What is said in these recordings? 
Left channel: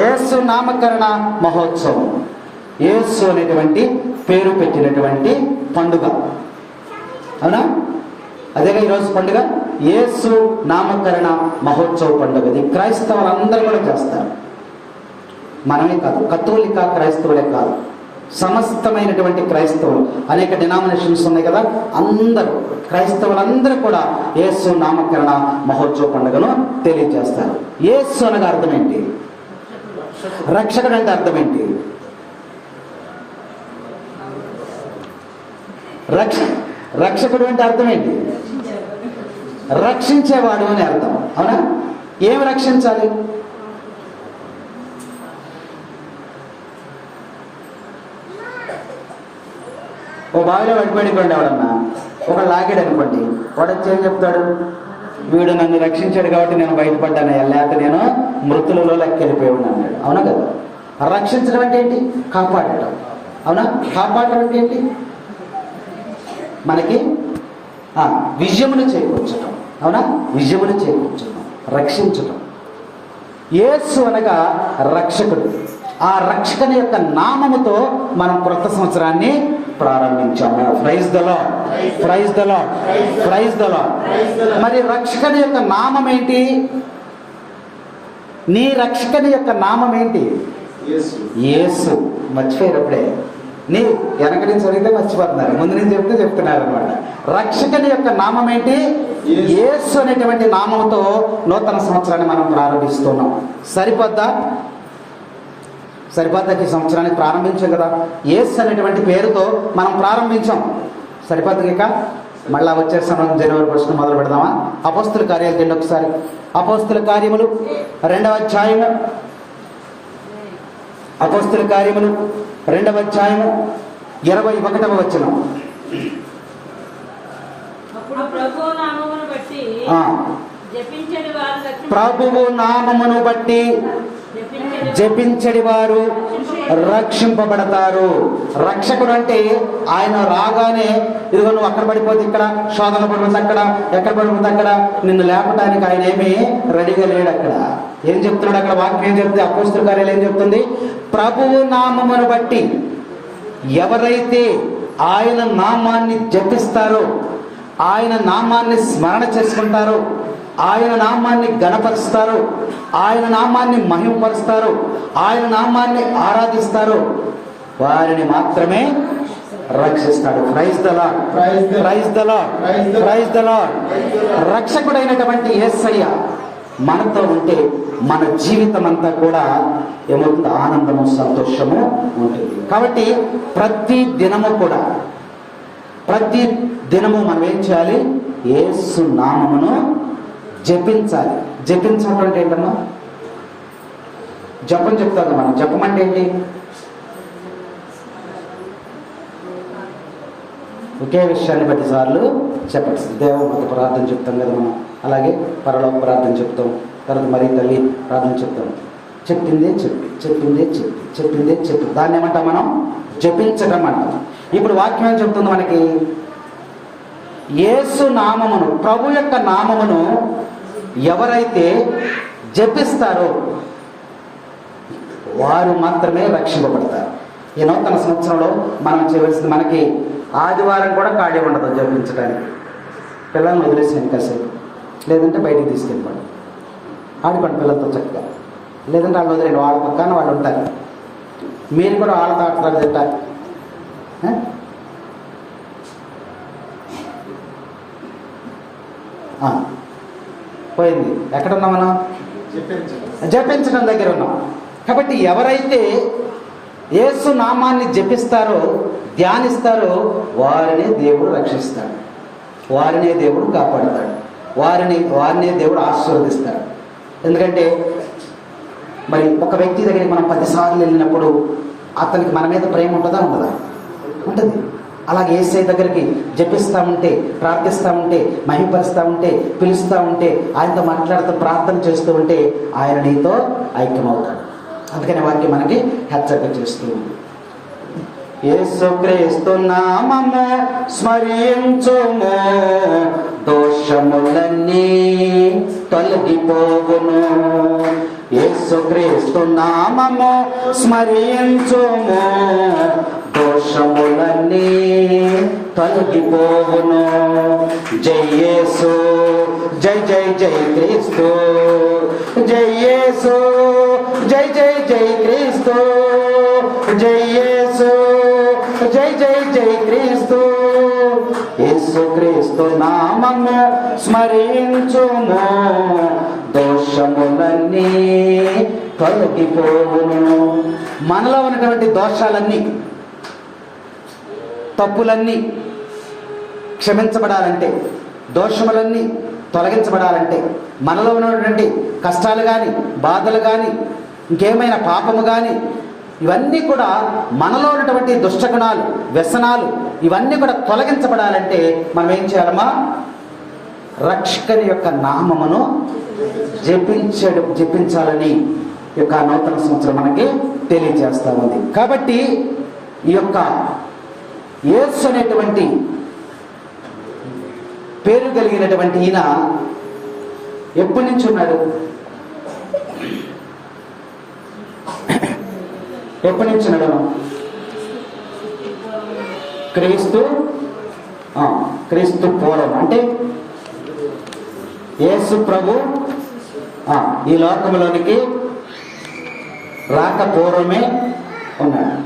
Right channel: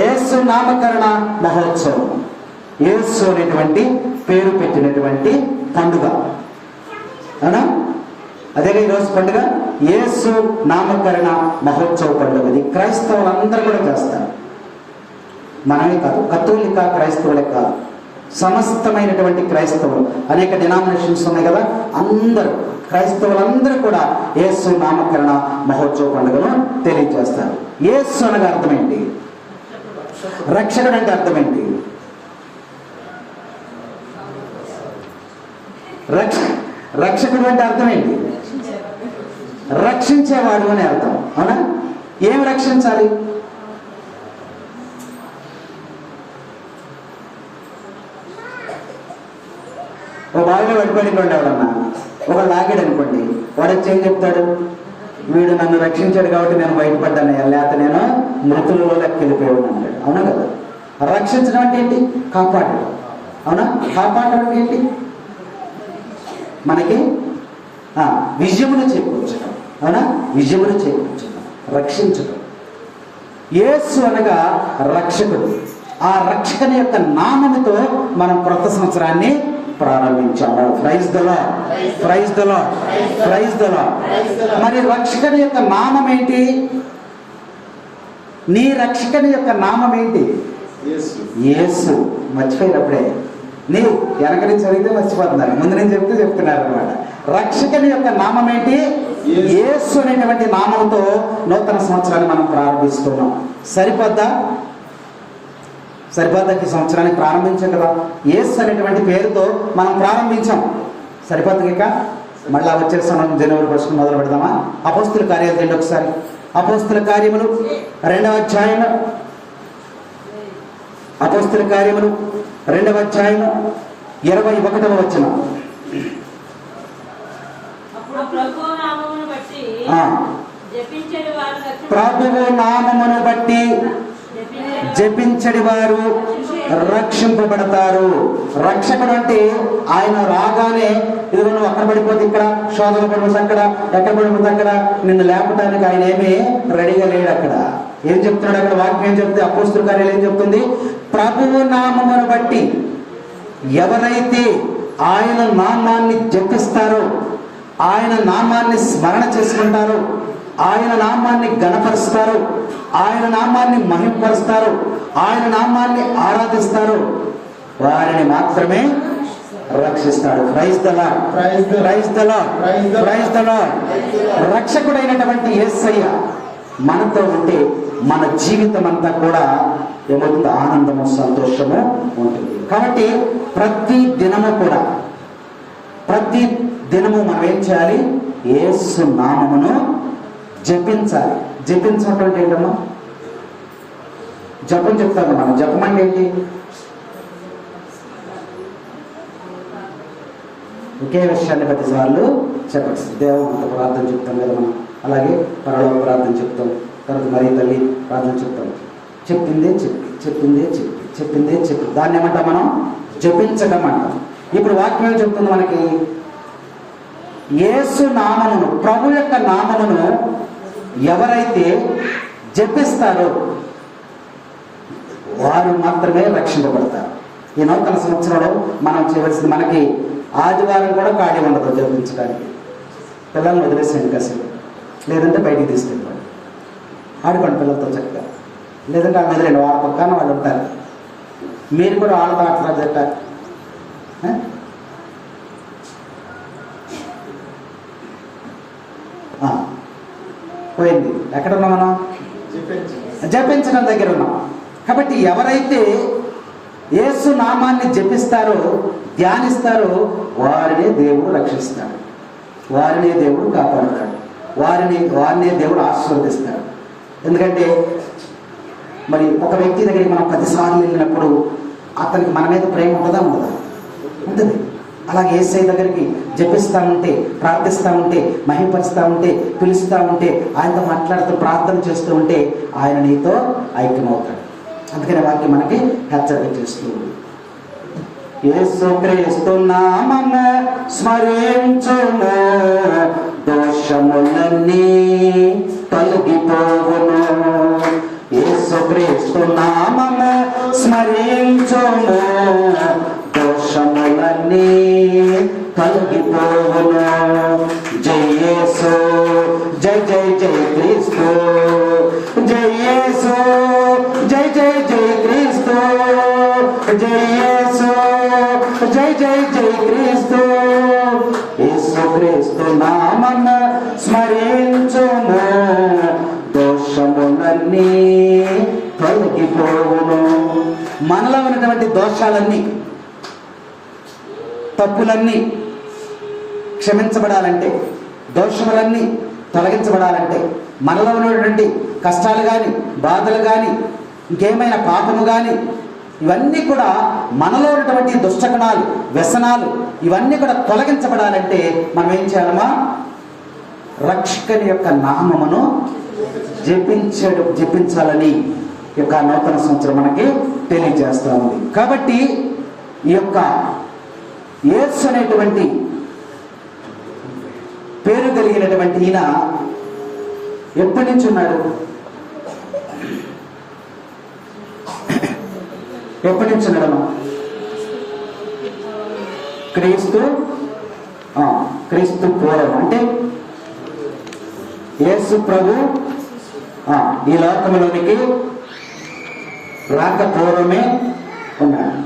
యేసు నామకరణ మహోత్సవం. యేసు అనేటువంటి పేరు పెట్టినటువంటి పండుగ, అవునా? అదేగా ఈరోజు పండుగ, యేసు నామకరణ మహోత్సవ పండుగ. ఇది క్రైస్తవులందరూ కూడా చేస్తారు, మనమే కాదు, కథోలిక క్రైస్తవులే కాదు, సమస్తమైనటువంటి క్రైస్తవులు. అనేక డినామినేషన్స్ ఉన్నాయి కదా, అందరూ క్రైస్తవులందరూ కూడా యేసు నామకరణ మహోత్సవ పండుగను తెలియజేస్తారు. యేసు అనగా అర్థం ఏంటి? రక్షకుడు అంటే అర్థం ఏంటి? రక్షకుడు అంటే అర్థం ఏంటి? రక్షించేవాడు అని అర్థం, అవునా? ఏమి రక్షించాలి? ఓ బావిలో పడిపోయినటువంటి ఎవడన్నా ఒకడు లాగాడు అనుకోండి, వాడు వచ్చి ఏం చెప్తాడు? వీడు నన్ను రక్షించాడు కాబట్టి నేను బయటపడ్డాను, లేకపోతే నేను మృతులలో లెక్కెళ్ళిపోయాడు అన్నాడు. అవునా కదా? రక్షించడం అంటే ఏంటి? కాపాడటం, అవునా? కాపాడటం అంటే ఏంటి? మనకి విజయమును చేకూర్చడం, అవునా? విజయమును చేకూర్చడం, రక్షించడం. యేసు అనగా రక్షకుడు. ఆ రక్షకుని యొక్క నామముతో మనం క్రొత్త సంవత్సరాన్ని ప్రారంభించాము. Praise the lord, praise the lord, praise the lord. మరి రక్షకుని యొక్క నామం ఏంటి? నీ రక్షకుని యొక్క నామం ఏంటి? యేసు. మర్చిపోయినప్పుడే నీవు వెనక నుంచి అడిగితే మర్చిపోతున్నారు, ముందు నుంచి చెప్తే చెప్తున్నారు అనమాట. రక్షకుని యొక్క నామం ఏంటి? యేసు అనేటువంటి నామంతో నూతన సంవత్సరాన్ని మనం ప్రారంభిస్తున్నాం. సరిపోద్దా? సరిపోద్దాకి సంవత్సరాన్ని ప్రారంభించాం కదా, యేసు అనేటువంటి పేరుతో మనం ప్రారంభించాం. సరిపోద్దాక మళ్ళా వచ్చే సమయం జనవరి 1 మొదలు పెడదామా? అపోస్తుల కార్యాలు తిండి ఒకసారి. అపోస్తుల కార్యములు 2వ అధ్యాయము, అపోస్తుల కార్యములు 2వ అధ్యాయము 21వ వచనం. ప్రభువు నామమును బట్టి జపించడి వారు రక్షింపబడతారు. రక్షకుడు అంటే ఆయన రాగానే ఇదిగో నువ్వు అక్కడ పడిపోతే ఇక్కడ, శోధన పడిపోతే అక్కడ, ఎక్కడ పడిపోతే అక్కడ, నిన్ను లేపటానికి ఆయన ఏమీ రెడీగా లేడు. అక్కడ ఏం చెప్తున్నాడు? అక్కడ వాక్యం ఏం చెప్తే అపోస్తుల కార్యాలు ఏం చెప్తుంది? ప్రభువు నామమును బట్టి ఎవరైతే ఆయన నామాన్ని జపిస్తారో, ఆయన నామాన్ని స్మరణ చేసుకుంటారో, ఆయన నామాన్ని ఘనపరుస్తారు, ఆయన నామాన్ని మహిమపరుస్తారు, ఆయన నామాన్ని ఆరాధిస్తారు, వారిని మాత్రమే రక్షిస్తాడు. Praise the lord, praise the lord, praise the Lord. రక్షకుడైనటువంటి యేసయ్య మనతో ఉంటే మన జీవితం అంతా కూడా ఏమవుతుంది? ఆనందము, సంతోషము ఉంటుంది. కాబట్టి ప్రతి దినము మనం ఏం చేయాలి? యేసు నామమును జపించాలి. జపించడం అంటే ఏంటన్నా? జపం చెప్తాను మనం. జపం అంటే ఏంటి? ఒకే విషయాన్ని 10 సార్లు చెప్పచ్చు. దేవుడు ప్రార్థన చెప్తాం కదా మనం, అలాగే పరలోక ప్రార్థన చెప్తాం, తర్వాత మరి తల్లి ప్రార్థన చెప్తాం. చెప్పిందే చెప్పి, చెప్పిందే చెప్పి, చెప్పిందే చెప్పి, దాన్ని ఏమంటాం మనం? జపించడం అంటాం. ఇప్పుడు వాక్యం చెప్తుంది మనకి, యేసు నామమును, ప్రభు యొక్క నామమును ఎవరైతే జపిస్తారో వారు మాత్రమే రక్షింపబడతారు. ఈ నూతన సంవత్సరంలో మనం చేయవలసింది, మనకి ఆదివారం కూడా ఖాళీ ఉండదు జపించడానికి. పిల్లల్ని వదిలేసాను కాసేపు, లేదంటే బయటికి తీసుకెళ్ళిపోండి, ఆడుకోండి పిల్లలతో చక్కగా, లేదంటే వాళ్ళ మీద 2 వాళ్ళ పక్కన వాళ్ళు ఉంటారు, మీరు కూడా వాళ్ళతో ఆటలు తింటారు. పోయింది. ఎక్కడున్నాం మనం? జపించడం దగ్గర ఉన్నాం. కాబట్టి ఎవరైతే యేసు నామాన్ని జపిస్తారో, ధ్యానిస్తారో, వారినే దేవుడు రక్షిస్తాడు, వారినే దేవుడు కాపాడతాడు, వారినే దేవుడు ఆశీర్వదిస్తాడు. ఎందుకంటే మరి ఒక వ్యక్తి దగ్గరికి మనం 10 సార్లు వెళ్ళినప్పుడు అతనికి మన మీద ప్రేమ ఉంటుందా? ఉండదా? ఉంటుంది. అలాగే యేసయ్య దగ్గరికి జపిస్తూ ఉంటే, ప్రార్థిస్తూ ఉంటే, మహిమపరుస్తూ ఉంటే, పిలుస్తూ ఉంటే, ఆయనతో మాట్లాడుతూ ప్రార్థన చేస్తూ ఉంటే ఆయన నీతో ఐక్యమవుతాడు. అందుకని వాక్యం మనకి హెచ్చరిక చేస్తూ ఉంది. యేసుక్రీస్తు నామము స్మరించుము, దోషములన్నీ తొలగిపోవును. యేసుక్రీస్తు నామము స్మరించుము, దోషములన్నీ తొలగిపోవును. జై యేసు, జై జై జై క్రీస్తు, జై యేసు, జై జై జై క్రీస్తు, జై యేసు, జై జై జై క్రీస్తు. యేసుక్రీస్తు నామము స్మరించుము, దోషములన్నీ తొలగిపోవును. మనలో ఉన్నటువంటి దోషాలన్నీ, తప్పులన్నీ క్షమించబడాలంటే, దోషములన్నీ తొలగించబడాలంటే, మనలో ఉన్నటువంటి కష్టాలు కానీ, బాధలు కానీ, ఇంకేమైనా పాపము కానీ, ఇవన్నీ కూడా మనలో ఉన్నటువంటి దుష్టగుణాలు, వ్యసనాలు, ఇవన్నీ కూడా తొలగించబడాలంటే మనం ఏం చేయాలమ్మా? రక్షకుని యొక్క నామమును జపించాలని ఈ యొక్క నూతన సంవత్సరం మనకి తెలియజేస్తా ఉంది. కాబట్టి ఈ యొక్క యేసు అనేటువంటి పేరు కలిగినటువంటి ఈయన ఎప్పటి నుంచి ఉన్నాడు? ఎప్పటి నుంచి ఉన్నాడు? క్రీస్తు పూర్వం, అంటే యేసు ప్రభు ఈ లోకంలోనికి రాక పూర్వమే ఉన్నాడు.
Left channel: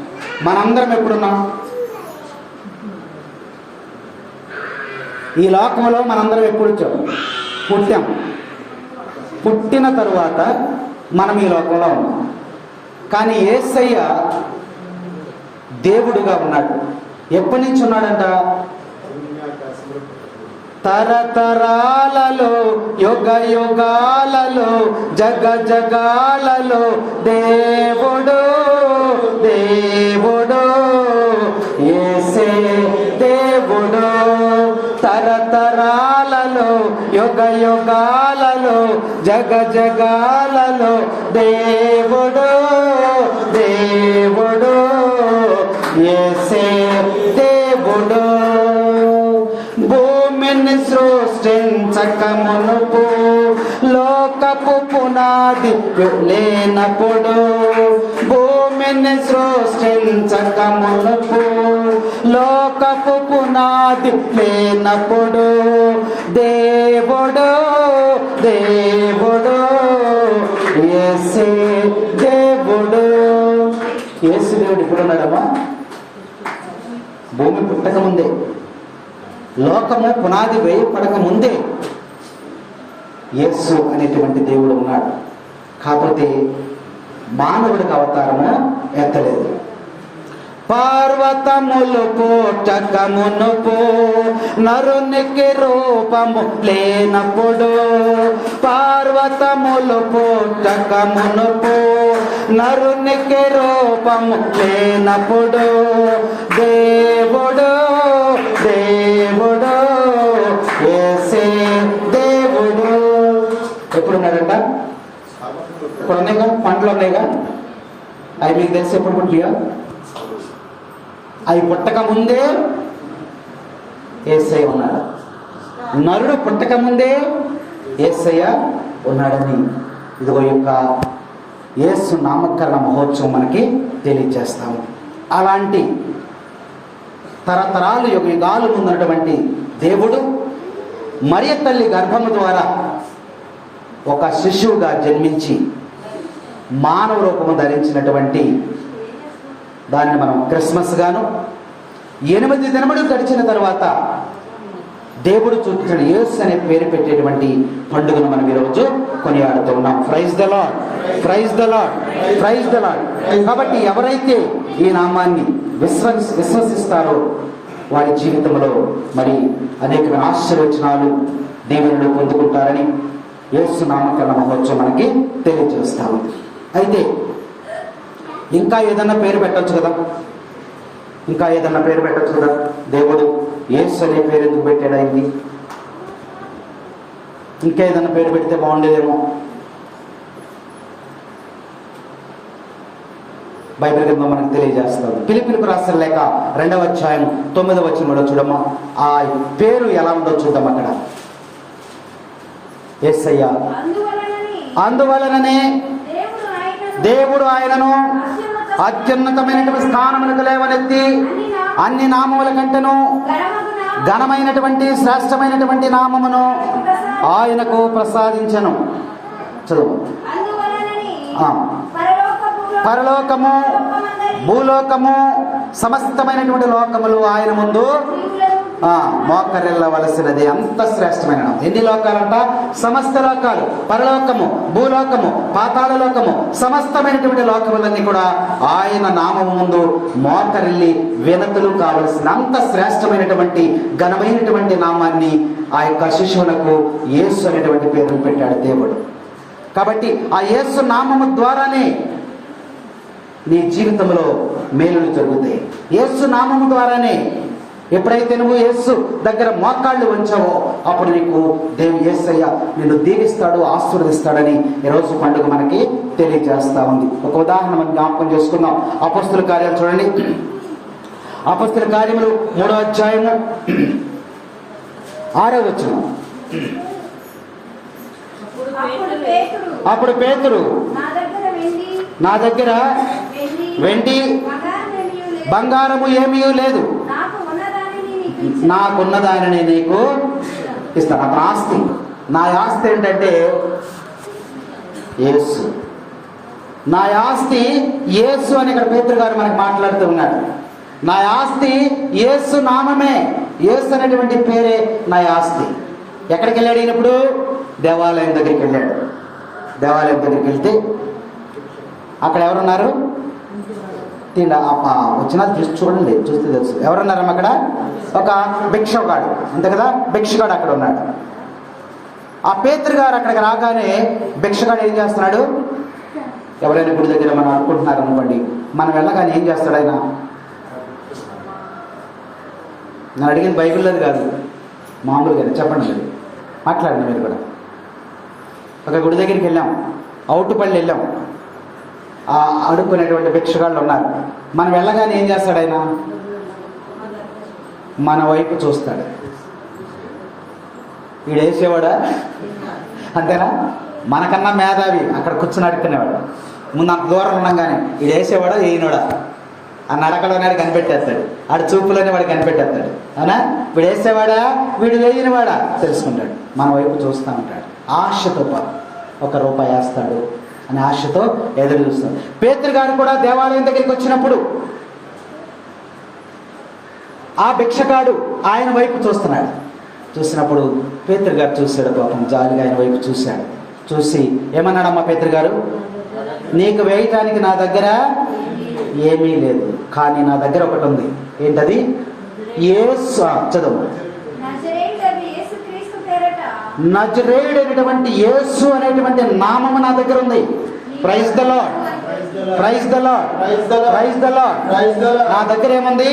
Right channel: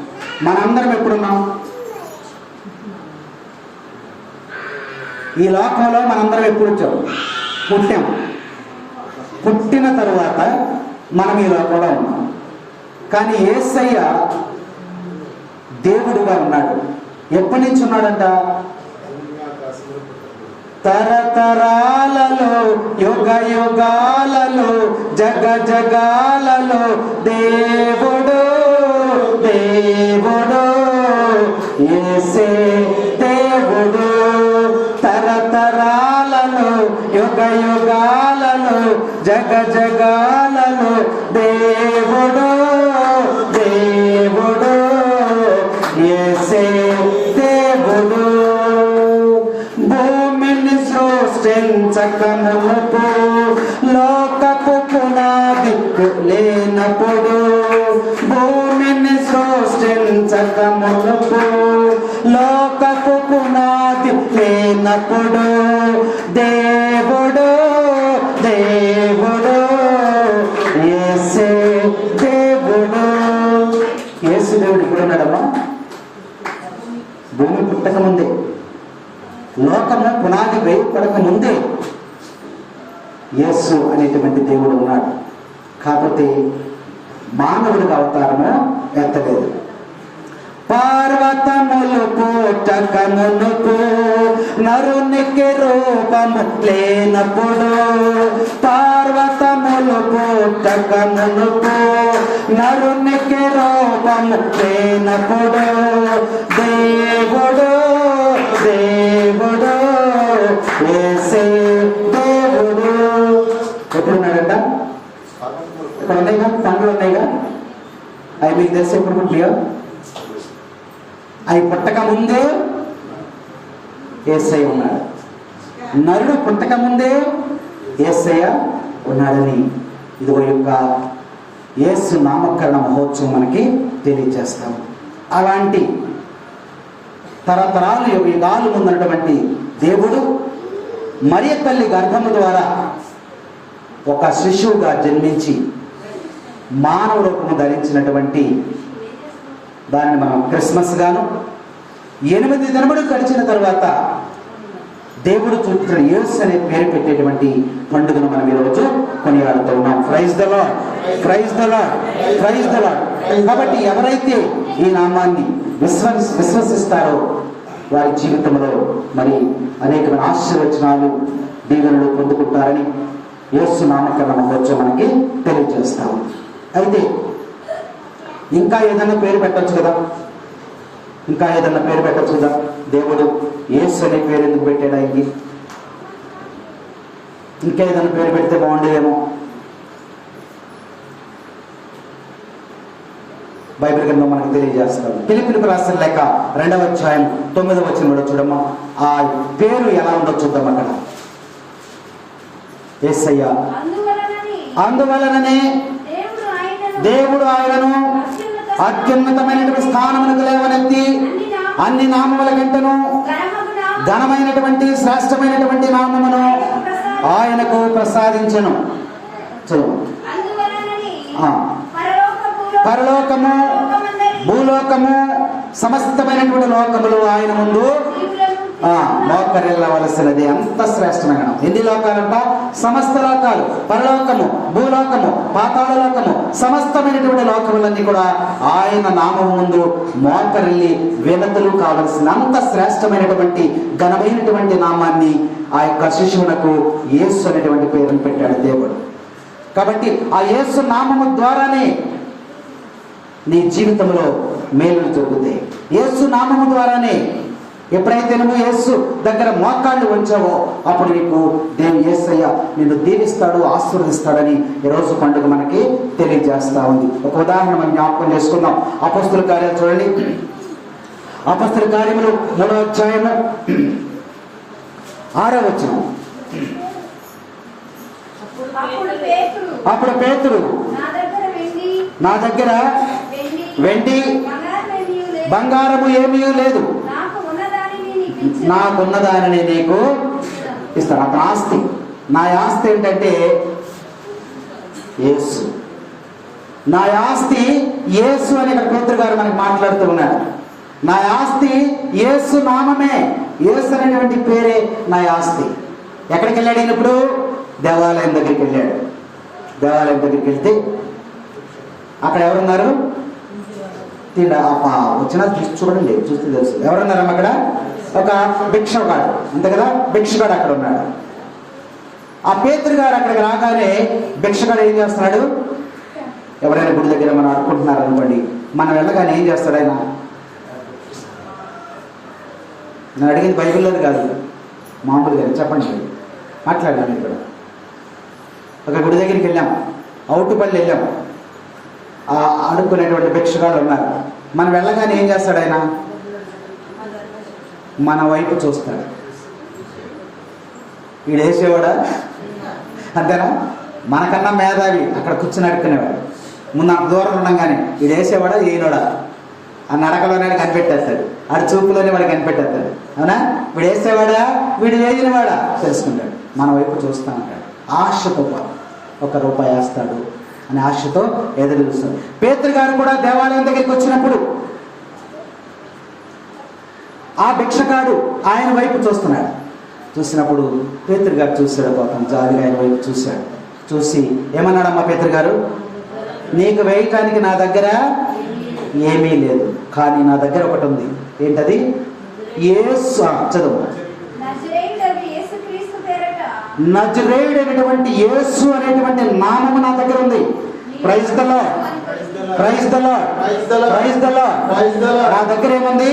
మనందరం ఎప్పుడున్నాం? ఈ లోకంలో మనందరం ఎప్పుడు వచ్చాము? పుట్టాం. పుట్టిన తరువాత మనం ఈ లోకంలో ఉన్నాం. కానీ యేసయ్య దేవుడుగా ఉన్నాడు. ఎప్పటి నుంచి ఉన్నాడంట? తరతరాలలో, యుగ యుగాలలో, జగ జగాలలో దేవుడు, దేవుడు, యేసే దేవుడు. తరతరాలలో, యుగ యుగాలలో, జగ జగాలలో దేవుడు, దేవుడు, యేసే దేవుడు. భూమిని సృష్టించక మునుపు, లోకపు పునాది లేనప్పుడు, భూమిని సృష్టించక మునుపు, లోకపు పునాది లేనప్పుడు, దేవుడు, దేవుడు, యేసే దేవుడు. యేసు దేవుడు ఇప్పుడు ఉన్నాడమ్మా? భూమి పుట్టక ముందే, లోకము పునాది వేయపడక ముందే యేసు అనేటువంటి దేవుడు ఉన్నాడు. కాకపోతే మానవుడికి అవతారము ఎత్తలేదు. పర్వతములు పుట్టక మునుపు, నరునికి రూపము లేనప్పుడు, పర్వతములు పుట్టక మునుపు, నరునికి రూపము లేనప్పుడు, దేవుడు, దేవుడు, యేసే దేవుడు. ఎప్పుడున్నాడంట? ఇప్పుడు ఉన్నాయిగా, పంటలు ఉన్నాయిగా, అవి మీకు తెలిసి ఎప్పుడు పుట్టియో? అవి పుట్టక ముందే యేసయ్య ఉన్నాడు. నరుడు పుట్టక ముందే యేసయ్య ఉన్నాడని ఇదిగో యొక్క యేసు నామకరణ మహోత్సవం మనకి తెలియజేస్తాము. అలాంటి తరతరాలు యుగాలు ముందున్నటువంటి దేవుడు మరియ తల్లి గర్భము ద్వారా ఒక శిశువుగా జన్మించి మానవ రూపము ధరించినటువంటి దాన్ని మనం క్రిస్మస్ గాను, 8 దినములు గడిచిన తర్వాత దేవుడు చూపుతున్న యేసు అనే పేరు పెట్టేటువంటి పండుగను మనం ఈరోజు కొనియాడుతున్నాం. Praise the lord, praise the lord, praise the Lord. కాబట్టి ఎవరైతే ఈ నామాన్ని విశ్వసిస్తారో వారి జీవితంలో మరి అనేకమైన ఆశీర్వచనాలు, దీవెనలు పొందుకుంటారని యేసు నామకరణ మహోత్సవం మనకి తెలియజేస్తాము. అయితే ఇంకా ఏదన్నా పేరు పెట్టచ్చు కదా, ఇంకా ఏదన్నా పేరు పెట్టచ్చు కదా. దేవుడు యేసు అనే పేరు ఎందుకు పెట్టాడు ఆయనకి? ఇంకా ఏదన్నా పేరు పెడితే బాగుండేదేమో. బైబిల్ గ్రంథం మనకు తెలియజేస్తారు. ఫిలిప్పీయులకు రాసిన లేఖ 2వ అధ్యాయం 9వ వచనంలో చూడమ్మా, ఆ పేరు ఎలా ఉందో చూద్దాం. అక్కడ యేసయ్య అందువలననే దేవుడు ఆయనను అత్యున్నతమైనటువంటి స్థానమునకు లేవనెత్తి అన్ని నామముల కంటను ఘనమైనటువంటి శ్రేష్టమైనటువంటి నామమును ఆయనకు ప్రసాదించెను. చదువు. పరలోకము భూలోకము సమస్తమైనటువంటి లోకములు ఆయన ముందు మోకరిల్లవలసినది. అంత శ్రేష్టమైన ఎన్ని లోకాలంట? సమస్త లోకాలు, పరలోకము, భూలోకము, పాతాళ లోకము, సమస్తమైనటువంటి లోకములన్నీ కూడా ఆయన నామం ముందు మోకరిల్లి వినతులు కావలసిన అంత శ్రేష్టమైనటువంటి ఘనమైనటువంటి నామాన్ని ఆ యొక్క శిశువులకు యేసు అనేటువంటి పేరును పెట్టాడు దేవుడు. కాబట్టి ఆ యేసు నామము ద్వారానే నీ జీవితంలో మేలులు జరుగుతాయి. యేసు నామము ద్వారానే ఎప్పుడైతే నువ్వు యేసు దగ్గర మోకాళ్ళు ఉంచావో అప్పుడు నీకు దేవుడు యేసయ్య నిన్ను దీవిస్తాడు, ఆశీర్వదిస్తాడని ఈరోజు పండుగ మనకి తెలియజేస్తా ఉంది. ఒక ఉదాహరణ మనం జ్ఞాపకం చేసుకుందాం. అపొస్తలుల కార్యాలు చూడండి. అపొస్తలుల కార్యములు 3వ అధ్యాయము 6వ వచనం. అప్పుడు పేతురు నా దగ్గర వెండి బంగారము ఏమీ లేదు, నాకున్నదానిని నీకు ఇస్తాను. అతని ఆస్తి, నా ఆస్తి ఏంటంటే యేసు. నా ఆస్తి యేసు అని ఇక్కడ పేతురు గారు మనకు మాట్లాడుతూ ఉన్నాడు. నా ఆస్తి యేసు నామమే, యేసు అనేటువంటి పేరే నా ఆస్తి. ఎక్కడికి వెళ్ళాడు ఆయన ఇప్పుడు? దేవాలయం దగ్గరికి వెళ్ళాడు. దేవాలయం దగ్గరికి వెళ్తే అక్కడ ఎవరున్నారు? వచ్చిన చూడండి, చూస్తే తెలుసు ఎవరున్నారమ్మ అక్కడ. ఒక భిక్షగాడు, అంతే కదా, భిక్షగాడు అక్కడ ఉన్నాడు. ఆ పేతురు గారు అక్కడికి రాగానే భిక్షగాడు ఏం చేస్తున్నాడు? ఎవరైనా గుడి దగ్గర మనం అనుకుంటున్నారు అనుకోండి, మనం వెళ్ళగానే ఏం చేస్తాడు ఆయన? నేను అడిగింది బైబిల్లోది కాదు, మామూలుగా చెప్పండి, మాట్లాడినా మీరు కూడా. ఒక గుడి దగ్గరికి వెళ్ళాం, అవుటుపల్లి వెళ్ళాం. అడుక్కునేటువంటి భిక్షగాళ్ళు ఉన్నారు. మనం వెళ్ళగానే ఏం చేస్తాడు ఆయన? మన వైపు చూస్తాడు. వీడు వేసేవాడా? అంతేనా? మనకన్నా మేధావి అక్కడ కూర్చుని అడుక్కునేవాడు. ముందు అంత దూరం ఉన్నాగానే వీడు వేసేవాడా వేయినోడా ఆ నడకలోనే కనిపెట్టేస్తాడు, ఆడు చూపులోనే వాడు కనిపెట్టేస్తాడు. అవునా? వీడు వేసేవాడా వీడు వేయినవాడా తెలుసుకుంటాడు. మన వైపు చూస్తూ ఉంటాడు. ఆశతో ₹1 వేస్తాడు అనే ఆశతో ఎదురు చూస్తాడు. పేతురు గారు కూడా దేవాలయం దగ్గరికి వచ్చినప్పుడు ఆ భిక్షగాడు ఆయన వైపు చూస్తున్నాడు. చూసినప్పుడు పేతురు గారు చూశాడు, పాపం జాలిగా ఆయన వైపు చూశాడు. చూసి ఏమన్నాడమ్మా పేతురు గారు? నీకు వేయటానికి నా దగ్గర ఏమీ లేదు, కానీ నా దగ్గర ఒకటి ఉంది. ఏంటది? యేసు. చదువు. నజరేయుడైనటువంటి యేసు అనేటువంటి నామము నా దగ్గర ఉంది. Praise the lord, praise the lord, praise the lord. నా దగ్గర ఏముంది?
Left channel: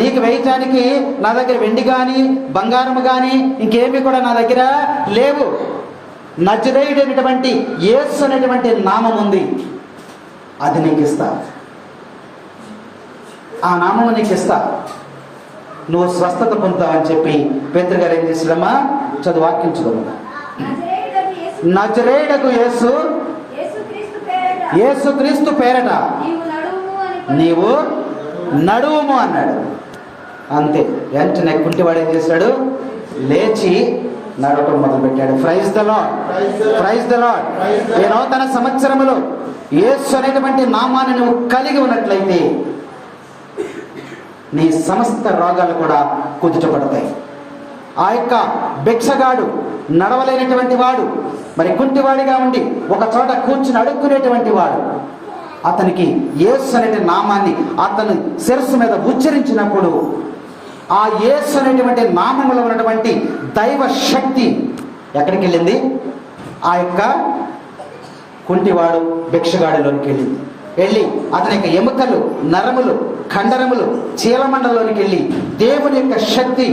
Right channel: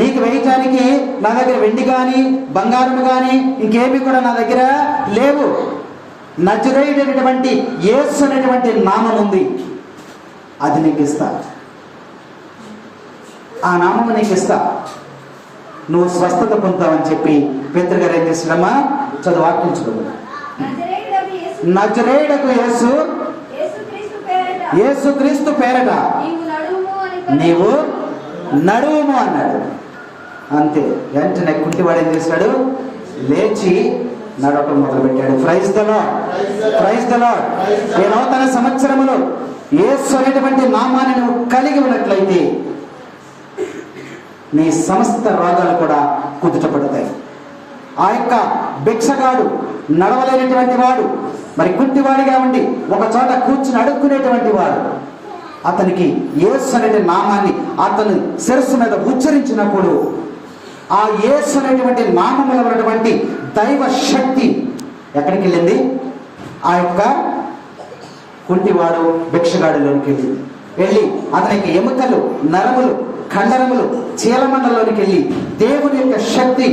నీకు వేయటానికి నా దగ్గర వెండి కానీ బంగారము కానీ ఇంకేమీ కూడా నా దగ్గర లేవు. నజరేయుడైనటువంటి యేసు అనేటువంటి నామం ఉంది, అది నీకు ఇస్తా. ఆ నామము నీకు ఇస్తా, నువ్వు స్వస్థత పొందుతావని చెప్పి పేతురు గారు ఏం చేస్తాడమ్మా? చదువు, వాక్యించుకోండి. నజరేయుడకు యేసు, యేసుక్రీస్తు పేరట నీవు నడువుము అన్నాడు. అంతే. వెంటనే కుంటివాడు ఏం చేశాడు? లేచి నడవటం మొదలు పెట్టాడు. Praise the lord, praise the lord. ఈ నూతన సంవత్సరములో యేసు అనేటువంటి నామాన్ని నువ్వు కలిగి ఉన్నట్లయితే నీ సమస్త రోగాలు కూడా కుదుటపడతాయి. ఆ యొక్క భిక్షగాడు నడవలేనటువంటి వాడు, మరి కుంటివాడిగా ఉండి ఒక చోట కూర్చుని అడుక్కునేటువంటి వాడు, అతనికి యేసు అనే నామాన్ని అతను శిరస్సు మీద ఉచ్చరించినప్పుడు ఆ యేసు అనేటువంటి నామములో ఉన్నటువంటి దైవ శక్తి ఎక్కడికి వెళ్ళింది? ఆ యొక్క కుంటివాడు భిక్షగాడిలోనికి వెళ్ళి అతని యొక్క ఎముకలు, నరములు, కండరములు, చీలమండలోనికి వెళ్ళి దేవుని యొక్క శక్తి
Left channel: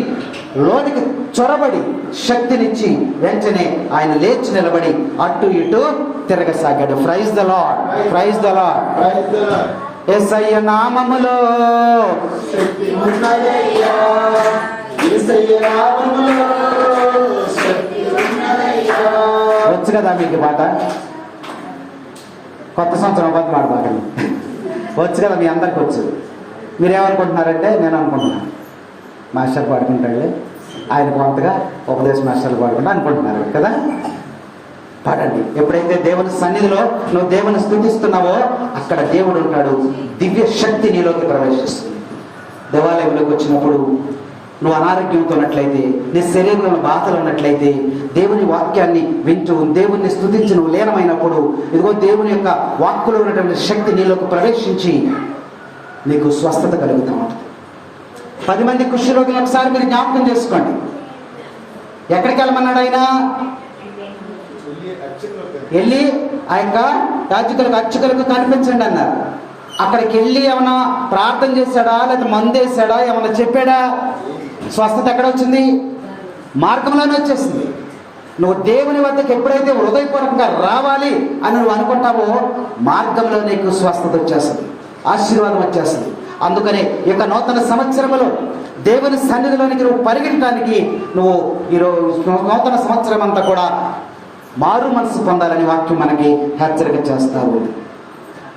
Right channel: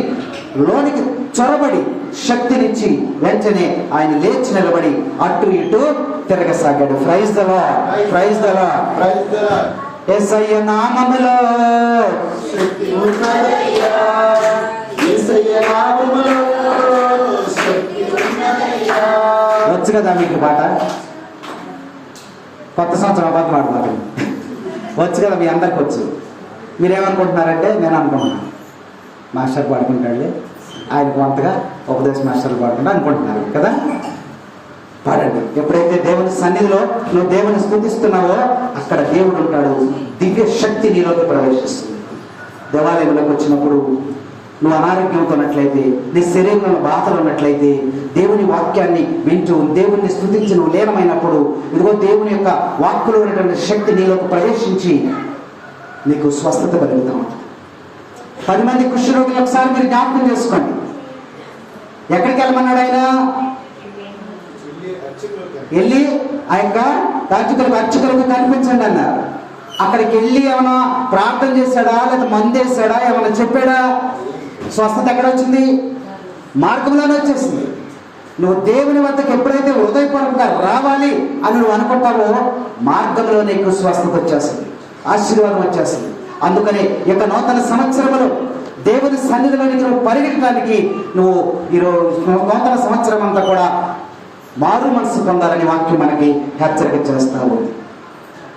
లోనికి చొరబడి శక్తినిచ్చి వెంటనే ఆయన లేచి నిలబడి అటు ఇటు తిరగసాగాడు. Praise the lord, praise the lord, praise the Lord. Yesayya నామములో శక్తి ఉన్నదయ్యా, యేసయ్య నామములో శక్తి ఉన్నదయ్యా. వచ్చు కదా మీకు పాట? కొత్త సంవత్సరం అబద్ధం ఆడమాకండి. వచ్చు కదా, మీ అందరికి వచ్చు. మీరేమనుకుంటున్నారంటే నేను అనుకుంటున్నాను మాస్టర్ పాడుకుంటాడులే, ఆయనకు అంతగా ఉపదేశ మాస్టర్లు పాడుకుంటా అనుకుంటున్నారు కదా. పాడండి. ఎప్పుడైతే దేవుని సన్నిధిలో నువ్వు దేవుని స్తుతిస్తున్నావో అక్కడ దేవుడు ఉంటాడు. దివ్య శక్తి నీలోకి ప్రవేశిస్తుంది. దేవాలయంలోకి వచ్చినప్పుడు నువ్వు అనారోగ్యంతో ఉన్నట్లయితే, నీ శరీరంలో బాధలు ఉన్నట్లయితే, దేవుని వాక్యాన్ని వింటూ దేవుణ్ణి స్తుతించి నువ్వు లీనమైనప్పుడు ఇదిగో దేవుని యొక్క వాక్కులో ఉన్నటువంటి శక్తి నీలోకి ప్రవేశించి నీకు స్వస్థత కలుగుతూ ఉంటుంది. 10 మంది కుష్ఠరోగులు ఒకసారి మీరు జ్ఞాపకం చేసుకోండి. ఎక్కడికి వెళ్ళమన్నాడు ఆయన? వెళ్ళి ఆ యొక్క అర్చకులకు కనిపించండి అన్నారు. అక్కడికి వెళ్ళి ఏమైనా ప్రార్థన చేశాడా, లేదా మందేశాడా, ఏమైనా చెప్పాడా? స్వస్థత ఎక్కడ వచ్చింది? మార్గంలోనే వచ్చేసింది. నువ్వు దేవుని వద్దకు ఎప్పుడైతే హృదయపూర్వకంగా రావాలి అని నువ్వు అనుకుంటావో మార్గంలో నీకు స్వస్థత వచ్చేస్తుంది, ఆశీర్వాదం వచ్చేస్తుంది. అందుకని ఇక నూతన సంవత్సరంలో దేవుని సన్నిధిలోనికి నువ్వు పరిగెట్టడానికి నువ్వు ఈరోజు నూతన సంవత్సరం అంతా కూడా మారు మనసు పొందాలని వాక్యం మనకి హెచ్చరిక చేస్తారు.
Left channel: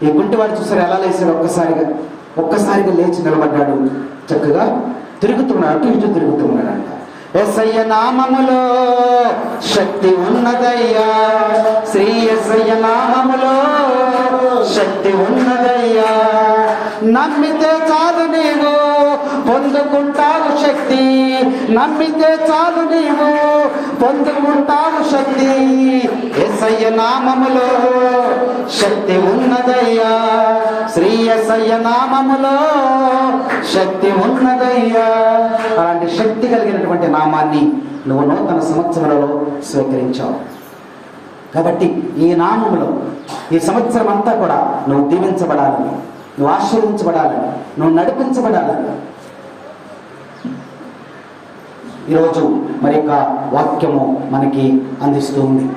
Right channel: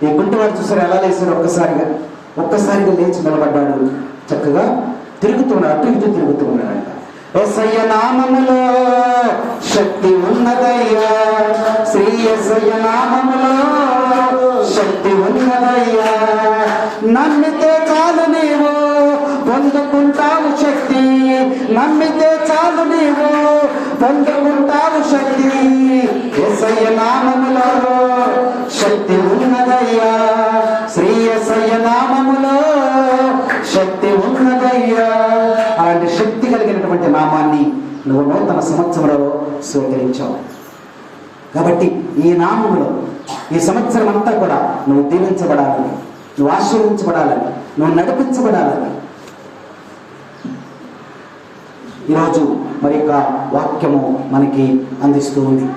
ఈ గుంటివాడు చూసారు ఎలా లేచాడు? ఒక్కసారిగా లేచి నిలబడ్డాడు. చక్కగా తిరుగుతున్నాడు, అటు ఇటు తిరుగుతున్నాడు. యేసయ్య నామములో శక్తి ఉన్నదయ్యా, శ్రీ యేసయ్య నామములో శక్తి ఉన్నదయ్యా. నమ్మితే చాలు నీవు పొందుకుంటావు శక్తి, నమ్మితే చాలు నీవు పొందుకుంటావు శక్తి. యేసయ్య నామములో శక్తి ఉన్నదయ్యా, శ్రీ యేసయ్య నామములో శక్తి ఉన్నదయ్యా. అలాంటి శక్తి కలిగినటువంటి నామాన్ని నువ్వు నూతన సంవత్సరంలో స్వీకరించావు. కాబట్టి ఈ నామములో ఈ సంవత్సరం అంతా కూడా నువ్వు దీవించబడాలని, నువ్వు ఆశీర్వించబడాలని, నువ్వు నడిపించబడాలని ఈరోజు మరి యొక్క వాక్యము మనకి అందిస్తూ ఉంది.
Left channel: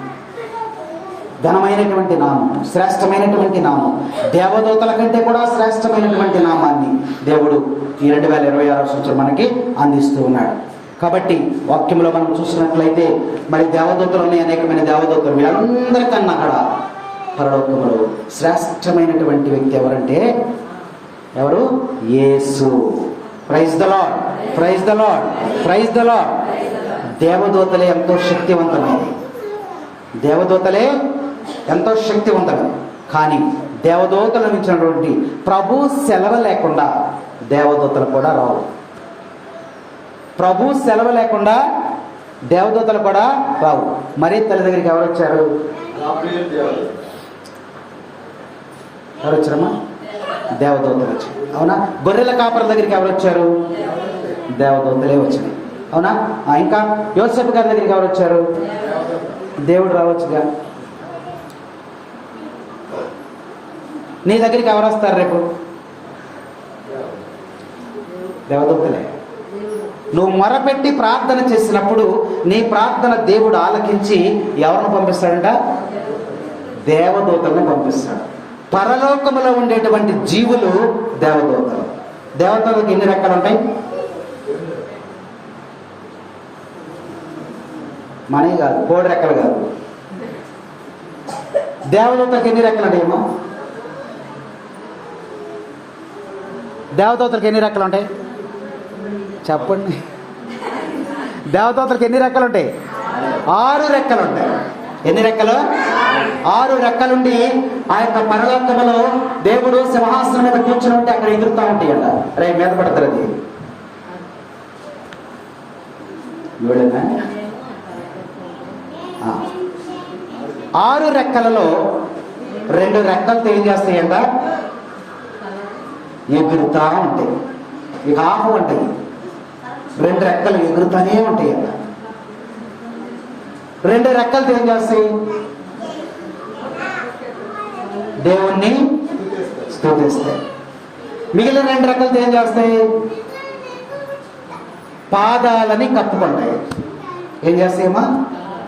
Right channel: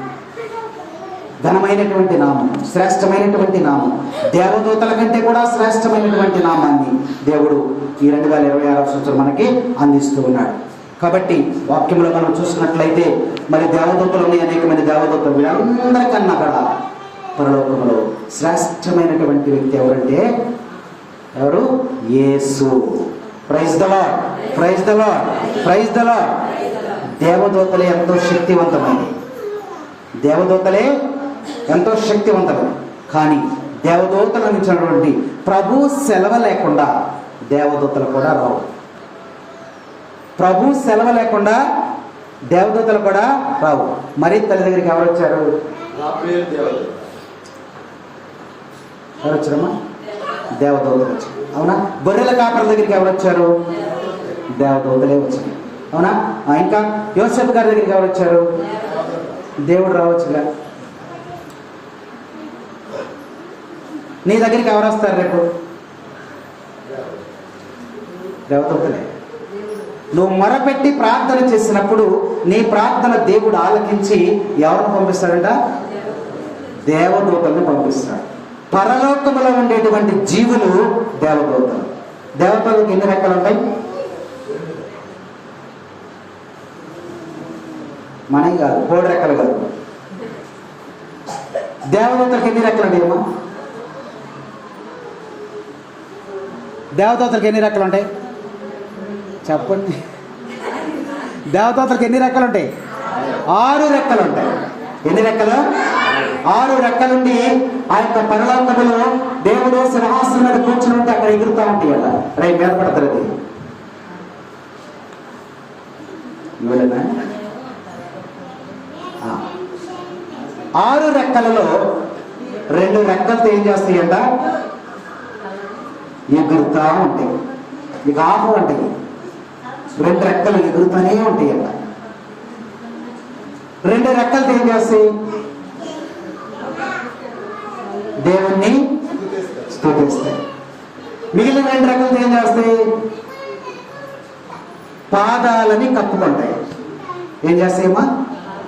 ఘనమైనటువంటి నామం, శ్రేష్టమైనటువంటి నామం, దేవదూతల కంటే కూడా శ్రేష్టమైనటువంటి నామాన్ని దేవుడు ఈ 2026 సంవత్సరం మనకి అందిస్తూ ఉన్నాడు. కాబట్టి వాక్యంలో మనం చూసినట్లయితే మరి దేవదూతలు ఉన్నాయి, అనేకమైన దేవదూతలు. వీళ్ళందరికన్నా కూడా పరలోకములో శ్రేష్టమైనటువంటి వ్యక్తి ఎవరంటే ఎవరు? Yesu. Praise the lord, praise the lord, praise the Lord. దేవదూతలే ఎంతో శక్తివంతమైనవి, దేవదూతలే ఎంతో శక్తివంతమైనవి. కానీ దేవదూతల నుంచి ప్రభు సెలవు లేకుండా దేవదూతలు కూడా రావు. ప్రభు సెలవు లేకుండా దేవదూతలు కూడా రావు. మరి తల్లి దగ్గరికి ఎవరు వచ్చారు? ఎవరు వచ్చారమ్మా? దేవదూతలు వచ్చారు. అవునా? గొర్రెల కాపర్ల దగ్గరికి ఎవరు వచ్చారు? దేవదూతలే వచ్చారు. అవునా? ఇంకా యోసేపు గారి దగ్గరికి ఎవరు వచ్చారు? దేవుడు రావచ్చుగా. నీ దగ్గరికి ఎవరు వస్తారు రేపు? దేవదూతలే. నువ్వు మొరపెట్టి ప్రార్థన చేసినప్పుడు నీ ప్రార్థన దేవుడు ఆలకించి ఎవరిని పంపిస్తాడంట? దేవదూతల్ని పంపిస్తాడు. పరలోకములో ఉండేటువంటి జీవులు దేవదూతలు. దేవతలకు ఎన్ని రెక్కలు ఉంటాయి? మనవి కాదు, కోడి రెక్కలు కాదు. దేవదూతలకు ఎన్ని రెక్కలు ఉంటాయేమో? దేవదూతలకు ఎన్ని రెక్కలు ఉంటాయి చెప్పండి? దేవదూతలకు ఎన్ని రెక్కలు ఉంటాయి? 6 రెక్కలు ఉంటాయి. ఎన్ని రెక్కలు? 6 రెక్కలుండి ఆ యొక్క పరలోకములో దేవుడు సింహాసనం మీద కూర్చుని ఉంటే అక్కడ ఎగురుతూ ఉంటాయి అట. రేపు మీద పడతారు. అది ఇవ్వలేదా? 6 రెక్కలలో 2 రెక్కలతో ఏం చేస్తాయంట? ఎగురుతా ఉంటాయి. ఇక ఆకు ఉంటాయి. 2 రెక్కలు ఎగురుతూనే ఉంటాయి అట. 2 రెక్కలతో ఏం చేస్తాయి? దేవుణ్ణి స్తుతిస్తాయి. మిగిలిన 2 రెక్కలతో ఏం చేస్తాయి? పాదాలని కప్పుకుంటాయి. ఏం చేస్తాయమ్మా?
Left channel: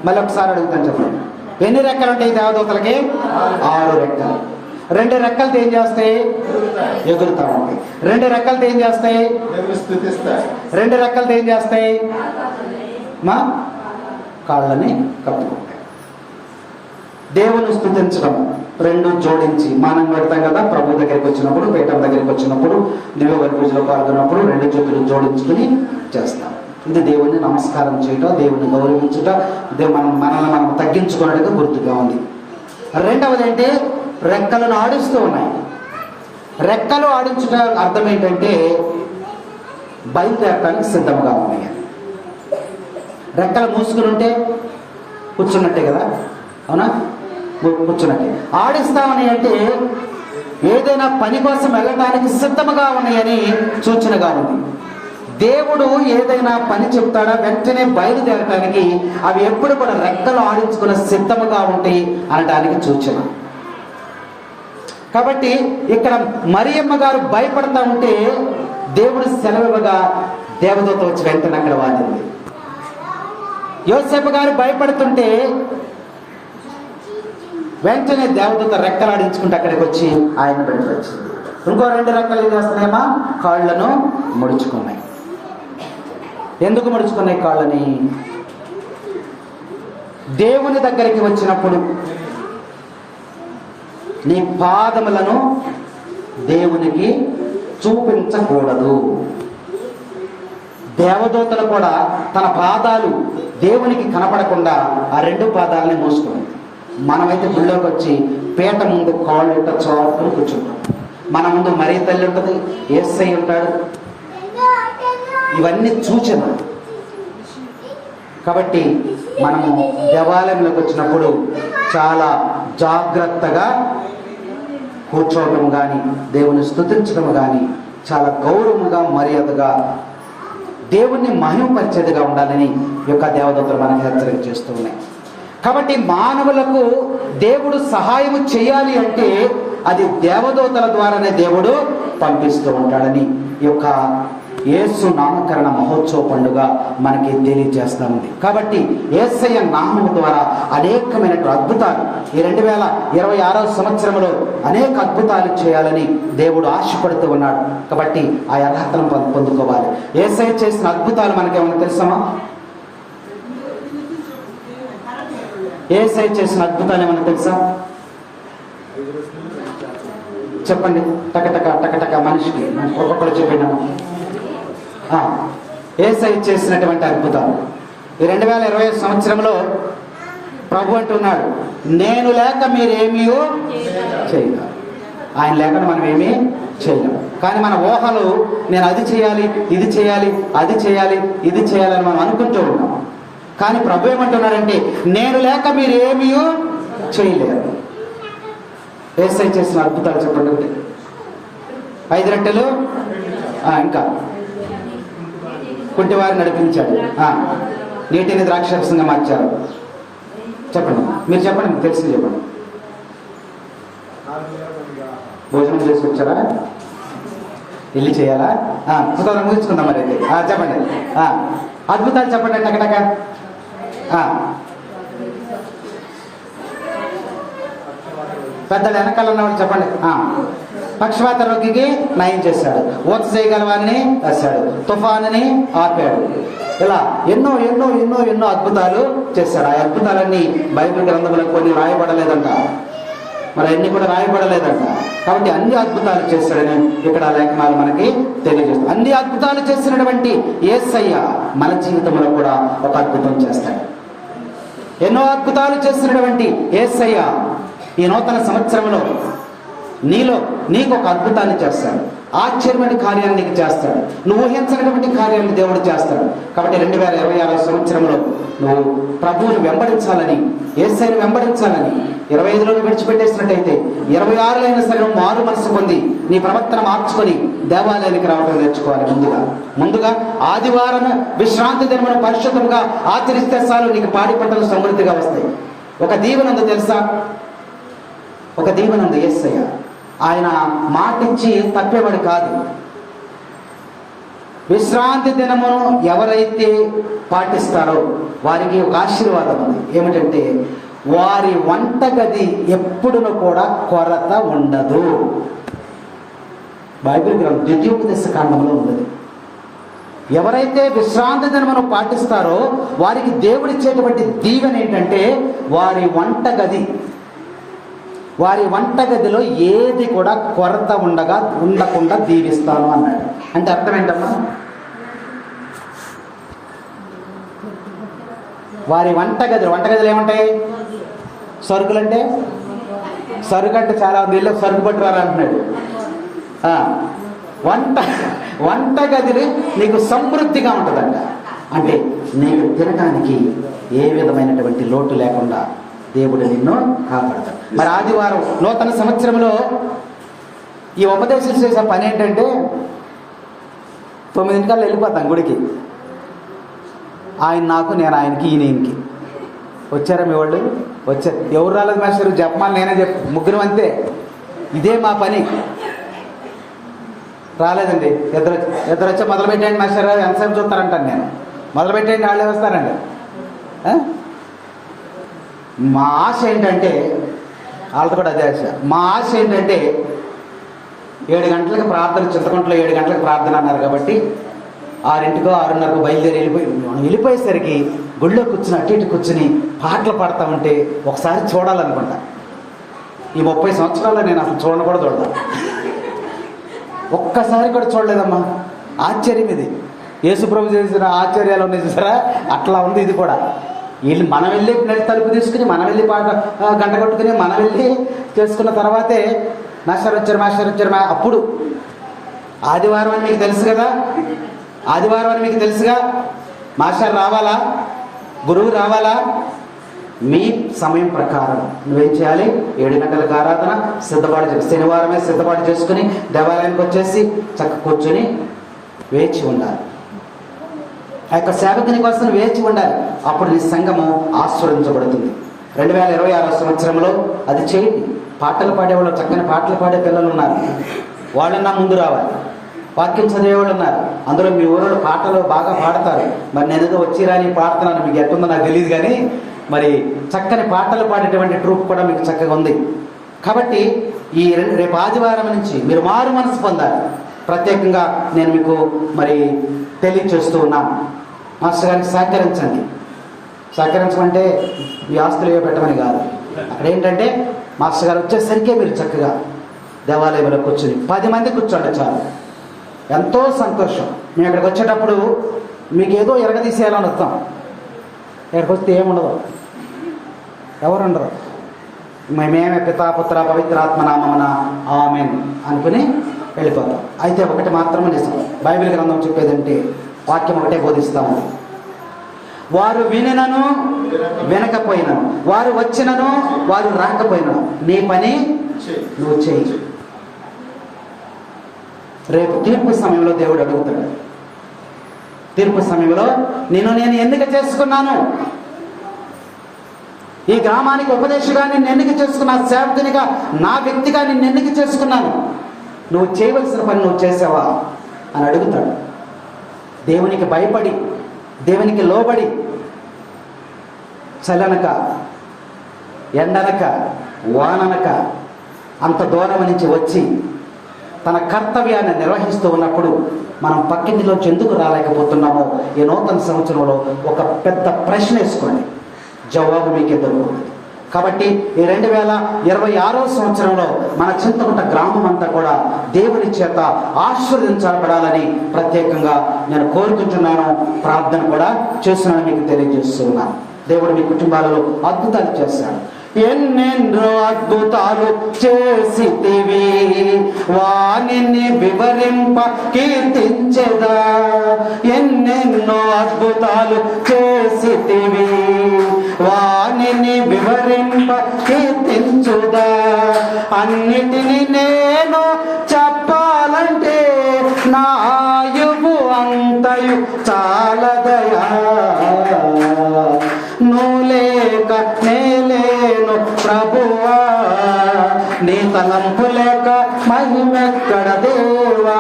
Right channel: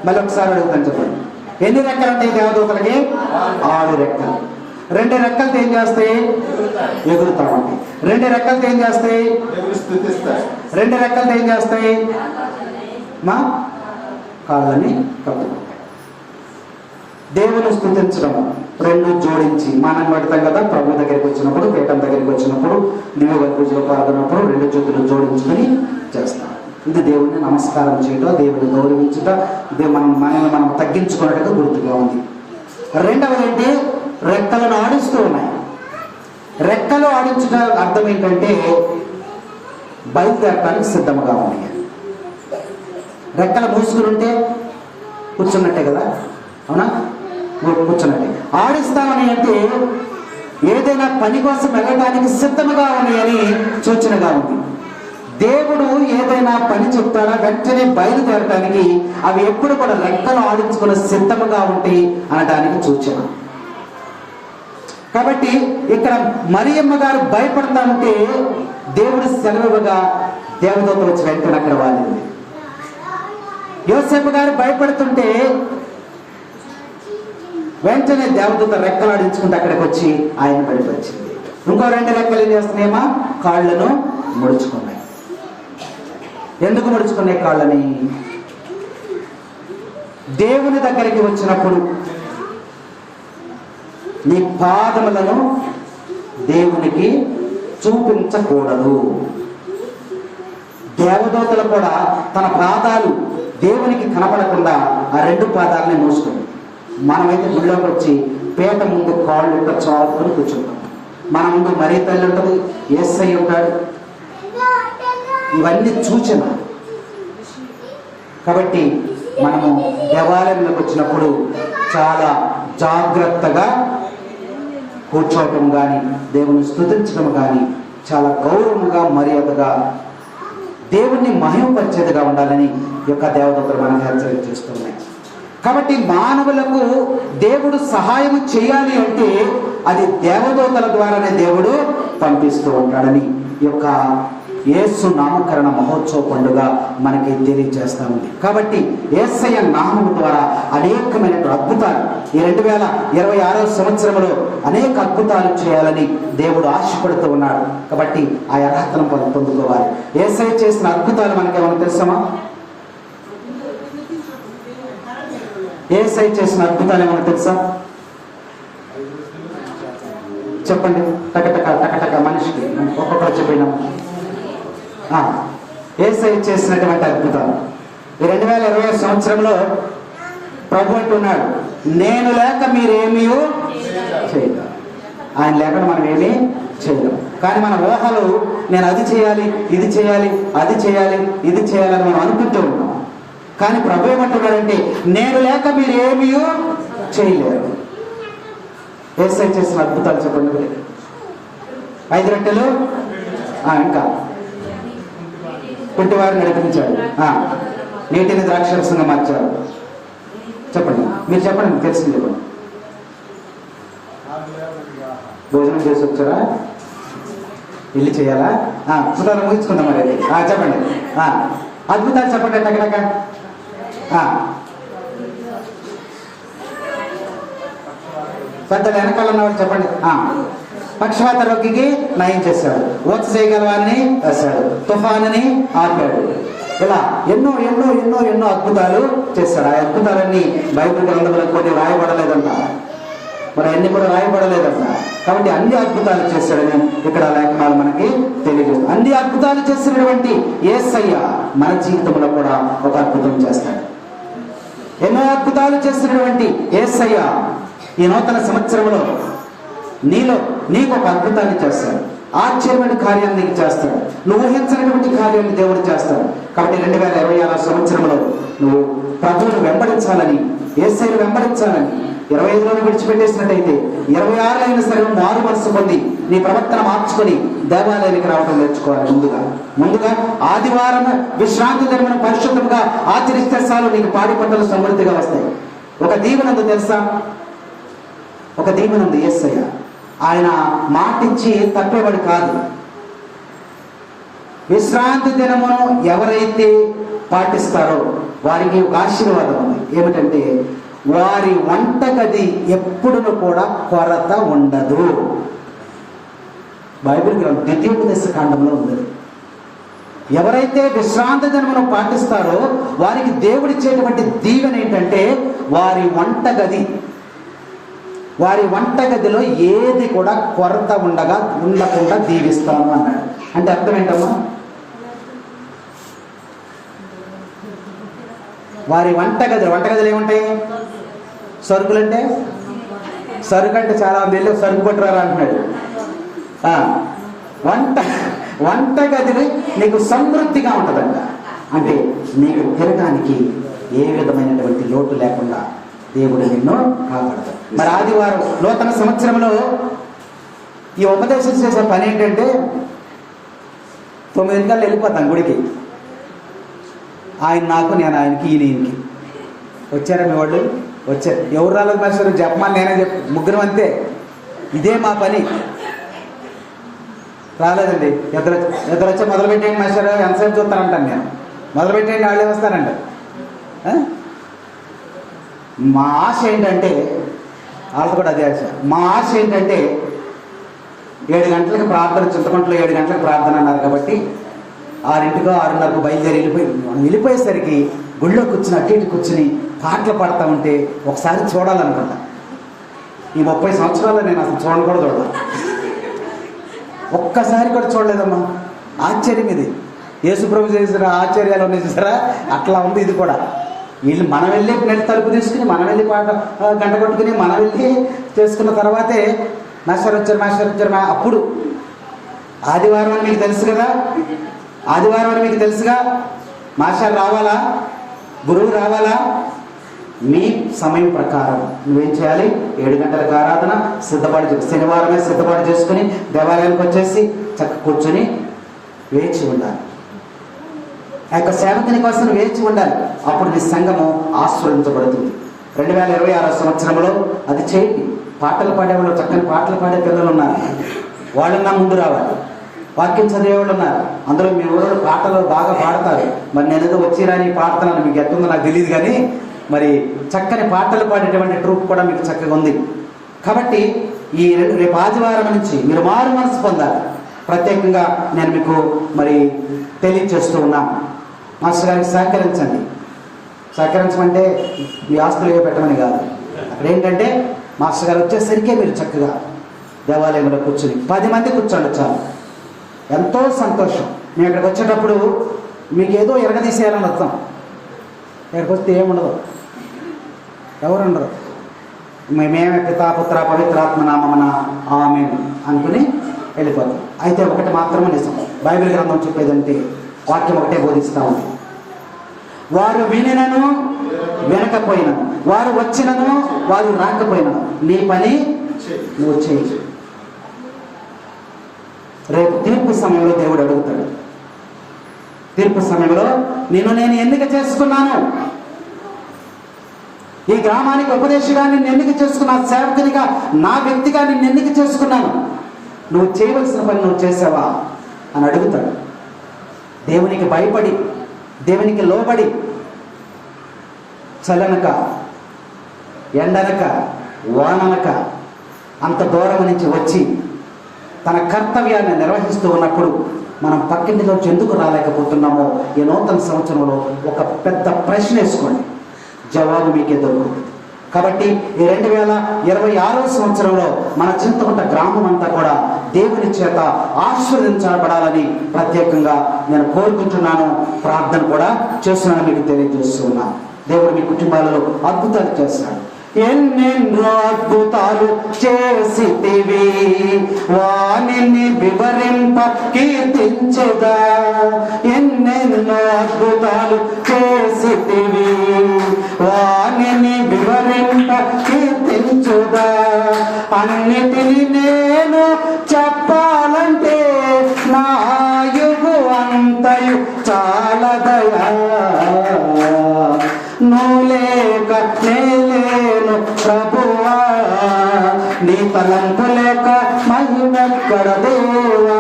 మళ్ళీ ఒకసారి అడుగుతాను చెప్పండి. ఎన్ని రెక్కలు ఉంటాయి దేవదూతలకి? 6 రెక్కలు. 2 రెక్కలతో ఏం చేస్తాయి? ఎగురుతా ఉంటాయి. 2 రెక్కలతో ఏం చేస్తాయి? 2 రెక్కలతో ఏం చేస్తాయి? మా కాళ్ళని కట్టుకుంటాయి. దేవుని స్తుతించడం రెండు జోడించి మనం పెడతాం కదా, ప్రభు దగ్గరికి వచ్చినప్పుడు, పీఠం దగ్గరికి వచ్చినప్పుడు, దివ్య పూజలో పాల్గొన్నప్పుడు రెండు చేతులు జోడించుకుని చేస్తాం. ఇది దేవుణ్ణి నమస్కారం చేయటం, దేవుని గౌరవించుట, మనల్ని మనం తగ్గించుకోవడానికి గుర్తుగా ఉంది. రెండవది ఏంటి? రెక్కలను ఆడిస్తూ ఉన్నాయి. రెక్కలు ఆడించుట అర్థం ఏంటంటే బయలుదేరటానికి సిద్ధంగా ఉన్నాయి. రెక్కలు మూసుకుని ఉంటే కూర్చున్నట్టే కదా, అవునా? కూర్చున్నట్టే. ఆడిస్తామని అంటే ఏదైనా పని కోసం వెళ్ళటానికి సిద్ధముగా ఉన్నాయని సూచనగా ఉంది. దేవుడు ఏదైనా పని చెప్తాడా వెంటనే బయలుదేరటానికి అవి ఎప్పుడు కూడా రెక్కలు ఆడించుకుని సిద్ధముగా ఉంటాయి అనటానికి సూచన. కాబట్టి ఇక్కడ మరియమ్మ గారు భయపడతా ఉంటే దేవుడు సెలవుగా దేవదూత వచ్చి వెంటనే అక్కడ వాలింది. యోసేపు గారు భయపడుతుంటే వెంటనే దేవదూత రెక్కలు ఆడించుకుంటే అక్కడికి వచ్చి ఆయన బయటకు వచ్చింది. ఇంకో రెండు రెక్కలు ఏం చేస్తున్నాయమ్మా? కాళ్ళను ముడుచుకున్నాయి. ఎందుకు ముడుచుకున్నాయి కాళ్ళని? దేవుని దగ్గరికి వచ్చినప్పుడు నీ పాదములను దేవునికి చూపించకూడదు. దేవదూతలు కూడా తన పాదాలు దేవునికి కనపడకుండా ఆ రెండు పాదాలని మూసుకుని, మనమైతే గుళ్ళోకి వచ్చి పీట ముందు కాళ్ళు ఇట్ట చోరకుని కూర్చుంటాం. మన ముందు మరీ తల్లి ఉంటుంది, యేసయ్య ఉంటాడు. ఇవన్నీ సూచన. కాబట్టి మనము దేవాలయంలోకి వచ్చినప్పుడు చాలా జాగ్రత్తగా కూర్చోవటం కానీ, దేవుని స్తుతించడం కానీ చాలా గౌరవంగా, మర్యాదగా, దేవుణ్ణి మహిమపరిచేదిగా ఉండాలని యొక్క దేవదూతలు మనకు హెచ్చరిక చేస్తూ ఉన్నాయి. కాబట్టి మానవులకు దేవుడు సహాయం చేయాలి అంటే అది దేవదూతల ద్వారానే దేవుడు పంపిస్తూ ఉంటాడని యొక్క యేసు నామకరణ మహోత్సవ పండుగ మనకి తెలియజేస్తా ఉంది. కాబట్టి యేసయ్య నామము ద్వారా అనేకమైన అద్భుతాలు ఈ 2026వ సంవత్సరంలో అనేక అద్భుతాలు చేయాలని దేవుడు ఆశపడుతూ ఉన్నాడు. కాబట్టి ఆ అర్హతను పొందుకోవాలి. యేసయ్య చేసిన అద్భుతాలు మనకేమైనా తెలుసామా? యేసయ్య చేసిన అద్భుతాలు ఏమైనా తెలుసా? చెప్పండి. టకటక టకటక మనిషికి ఒక్కొక్కరు చెప్పిన యేసయ్య చేసినటువంటి అద్భుతాలు ఈ 2020 సంవత్సరంలో ప్రభు అంటున్నాడు, నేను లేక మీరేమీ చేయలేరు. ఆయన లేకుండా మనం ఏమీ చేయలేము. కానీ మన ఊహలు నేను అది చేయాలి, ఇది చేయాలి, అది చేయాలి, ఇది చేయాలని మనం అనుకుంటూ ఉంటాం. కానీ ప్రభు ఏమంటున్నాడంటే నేను లేక మీరేమీ చేయలేరు. యేసయ్య చేసిన అద్భుతాలు చెప్పండి. 5 రొట్టెలు, ఇంకా కుంటివారిని నడిపించాడు, నీటిని ద్రాక్షరసంగా మార్చారు. చెప్పండి, మీరు చెప్పండి, తెలిసింది చెప్పండి. భోజనం చేసి వచ్చారా? ఇల్లు చేయాలా? అద్భుతాలు ముగించుకుందాం మరి. చెప్పండి, అద్భుతాలు చెప్పండి. టకటక పెద్దలు వెనకాల ఉన్నవాళ్ళు చెప్పండి. పక్షవాత రోగికి నయం చేశాడు, ఓత చేయగల వారిని వేశాడు, తుఫానుని ఆపాడు. ఇలా ఎన్నో ఎన్నో ఎన్నో ఎన్నో అద్భుతాలు చేశాడు. ఆ అద్భుతాలన్నీ బైబిల్ గ్రంథంలో కొన్ని రాయబడలేదంట, మరి అన్ని కూడా రాయబడలేదంట. కాబట్టి అన్ని అద్భుతాలు చేశాడని ఇక్కడ లేఖనాలు మనకి తెలియజేస్తాయి. అన్ని అద్భుతాలు చేసినటువంటి యేసయ్య మన జీవితంలో కూడా ఒక అద్భుతం చేస్తాడు. ఎన్నో అద్భుతాలు చేసినటువంటి యేసయ్య ఈ నూతన సంవత్సరంలో నీకు ఒక అద్భుతాన్ని చేస్తాడు. ఆశ్చర్యమైన కార్యాన్ని నీకు చేస్తాడు. నువ్వు ఊహించినటువంటి కార్యాన్ని దేవుడు చేస్తాడు. కాబట్టి 2026వ సంవత్సరంలో నువ్వు ప్రభువును వెంబడించాలని, యేసయ్యను వెంబడించాలని 25లో విడిచిపెట్టేసినట్టయితే 26లో అయినా సరే మారు మనసు పొంది నీ ప్రవర్తన మార్చుకొని దేవాలయానికి రావడం నేర్చుకోవాలి. ముందుగా ఆదివారం విశ్రాంతి దినమును పరిశుద్ధంగా ఆచరిస్తే చాలు, నీకు పాడి పంటలు సమృద్ధిగా వస్తాయి. ఒక దీవెనందు తెలుసా? ఒక దీవెనందు యేసయ్య ఆయన మాటిచ్చి తప్పేవాడు కాదు. విశ్రాంతి దినమును ఎవరైతే పాటిస్తారో వారికి ఒక ఆశీర్వాదం ఉంది. ఏమిటంటే వారి వంటగది ఎప్పుడును కూడా కొరత ఉండదు. బైబిల్ గ్రంథం ద్వితీయోపదేశ కాండంలో ఉంది. ఎవరైతే విశ్రాంతి దినమును పాటిస్తారో వారికి దేవుడిచ్చేటువంటి దీవెన ఏంటంటే వారి వంటగది వారి వంటగదిలో ఏది కూడా కొరత ఉండకుండా దీవిస్తాను అన్నాడు. అంటే అర్థం ఏంటమ్మా? వారి వంటగదిలో ఏముంటాయి? సరుకులు అంటే సరుకు అంటే చాలా మంది సరుకు పట్టురారు అంటున్నాడు. వంటగదిని నీకు సమృద్ధిగా ఉంటుందంట. అంటే నీకు తినడానికి ఏ విధమైనటువంటి లోటు లేకుండా దేవుడు నిన్ను కాపాడతాడు. మరి ఆదివారం నూతన సంవత్సరంలో ఈ ఉపదేశం చేసే పని ఏంటంటే 9 గంటలకు వెళ్ళిపోతాం గుడికి. ఆయన నాకు, నేను ఆయనకి, ఈయనకి. వచ్చారా మీ వాళ్ళు? వచ్చారు. ఎవరు రాలేదు మాస్టర్? జపమాలు నేనే ముగ్గురం అంతే. ఇదే మా పని. రాలేదండి. ఇద్దరు వచ్చి మొదలుపెట్టేయండి మాస్టర్, ఎంతసేపు చూస్తారంటాను నేను. మొదలుపెట్టేయండి, వాళ్ళే వస్తారండి. మా ఆశ ఏంటంటే, వాళ్ళతో కూడా అదే ఆశ. మా ఆశ ఏంటంటే 7 గంటలకు ప్రార్థన, చింతకుంటలో 7 గంటలకు ప్రార్థన అన్నారు కాబట్టి 6:00కో 6:30కో బయలుదేరి వెళ్ళిపోయేసరికి గుళ్ళో కూర్చుని అటు ఇటు కూర్చుని పాటలు పాడుతూ ఉంటే ఒకసారి చూడాలనుకుంటా. ఈ 30 సంవత్సరాల్లో నేను అసలు చూడదా. ఒక్కసారి కూడా చూడలేదమ్మా. ఆశ్చర్యం ఇది. యేసుప్రభు చేసిన ఆశ్చర్యాలు ఉన్నాయి చూసారా, అట్లా ఉంది ఇది కూడా. వీళ్ళు మనం వెళ్ళి తలుపు తీసుకుని, మనం వెళ్ళి పాట గంట కొట్టుకుని, మనం వెళ్ళి చేసుకున్న తర్వాతే మాస్టర్ వచ్చారు. అప్పుడు ఆదివారం అని మీకు తెలుసు కదా, ఆదివారం అని మీకు తెలుసుగా. మాస్టర్ రావాలా, గురువు రావాలా, మీ సమయం ప్రకారం నువ్వేం చేయాలి? 7 గంటలకు ఆరాధన శనివారమే సిద్ధపాటు చేసుకుని దేవాలయానికి వచ్చేసి చక్క కూర్చొని వేచి ఉండాలి. ఆ యొక్క సేవకుని కోసం వేచి ఉండాలి. అప్పుడు నీ సంఘము ఆస్వాదించబడుతుంది. 2026 సంవత్సరంలో అది చేయండి. పాటలు పాడేవాళ్ళు, చక్కని పాటలు పాడే పిల్లలు ఉన్నారు, వాళ్ళన్నా ముందు రావాలి. వాక్యం చదివేవాళ్ళు ఉన్నారు, అందులో మీ ఊళ్ళో పాటలు బాగా పాడతారు. మరి నేను ఏదో వచ్చి రాని పాడుతున్నాను, మీకు ఎట్టుందో నాకు తెలియదు, కానీ మరి చక్కని పాటలు పాడేటువంటి ట్రూప్ కూడా మీకు చక్కగా ఉంది. కాబట్టి ఈ రేపు ఆదివారం నుంచి మీరు మారు మనసు పొందాలి. ప్రత్యేకంగా నేను మీకు మరి తెలియచేస్తూ ఉన్నాను. మాస్టర్ గారికి సహకరించండి. సహకరించమంటే మీ ఆస్తులు ఏవో పెట్టమని కాదు. అక్కడ ఏంటంటే మాస్టర్ గారు వచ్చేసరికే మీరు చక్కగా దేవాలయంలో కూర్చొని 10 మంది కూర్చోండి చాలు. ఎంతో సంతోషం. మేము ఇక్కడికి వచ్చేటప్పుడు మీకు ఏదో ఎరగదీసేయాలని వస్తాం. ఇక్కడికి వస్తే ఏముండదు, ఎవరు ఉండరు. మేమే పితా పుత్ర పవిత్రాత్మ నామమున ఆమేన్ అనుకుని వెళ్ళిపోతాం. అయితే ఒకటి మాత్రమే నిజం, బైబిల్ గ్రంథం చెప్పేదంటే వాక్యం ఒకటే బోధిస్తా ఉంది. వారు వినినను వినకపోయినను, వారు వచ్చినను వారు రాకపోయినను, నీ పని నువ్వు చేయి. రేపు తీర్పు సమయంలో దేవుడు అడుగుతాడు. తీర్పు సమయంలో నేను ఎన్నిక చేసుకున్నాను, ఈ గ్రామానికి ఉపదేశిగా నిన్ను ఎన్నిక చేసుకున్నా, సేవకునిగా నా వ్యక్తిగా నిన్ను ఎన్నిక చేసుకున్నాను, నువ్వు చేయవలసిన పని నువ్వు చేసావా అని అడుగుతాడు. దేవునికి భయపడి, దేవునికి లోబడి, చలనక ఎండనక వాననక అంత దూరం నుంచి వచ్చి తన కర్తవ్యాన్ని నిర్వహిస్తూ ఉన్నప్పుడు మనం పక్కింటిలోంచి ఎందుకు రాలేకపోతున్నామో ఈ నూతన సంవత్సరంలో ఒక పెద్ద ప్రశ్న వేసుకోండి, జవాబు మీకే దొరుకుతుంది. కాబట్టి ఈ 2026 సంవత్సరంలో మన చింతకుంట గ్రామం అంతా కూడా దేవుని చేత ఆశీర్వదించబడాలని ప్రత్యేకంగా నేను కోరుకుంటున్నాను. ప్రార్థన కూడా చేస్తున్నాను, మీకు తెలియజేస్తున్నాను. దేవుడు మీ కుటుంబాలలో అద్భుతాలు చేస్తాడు. ఎన్నెన్నో అద్భుతాలు చేసితివి, వానిని వివరింప కీర్తించదా. ఎన్నెన్నో అద్భుతాలు చేసితివి, వానిని వివరింప కీర్తించుదా. అన్నిటినీ నేను చెప్పాలంటే నా ఆయువు అంతయు చాలదయా. నువ్వు లేక నేలేను ప్రభువా, నీ తలంపు లేక మహిమెక్కడ దేవా.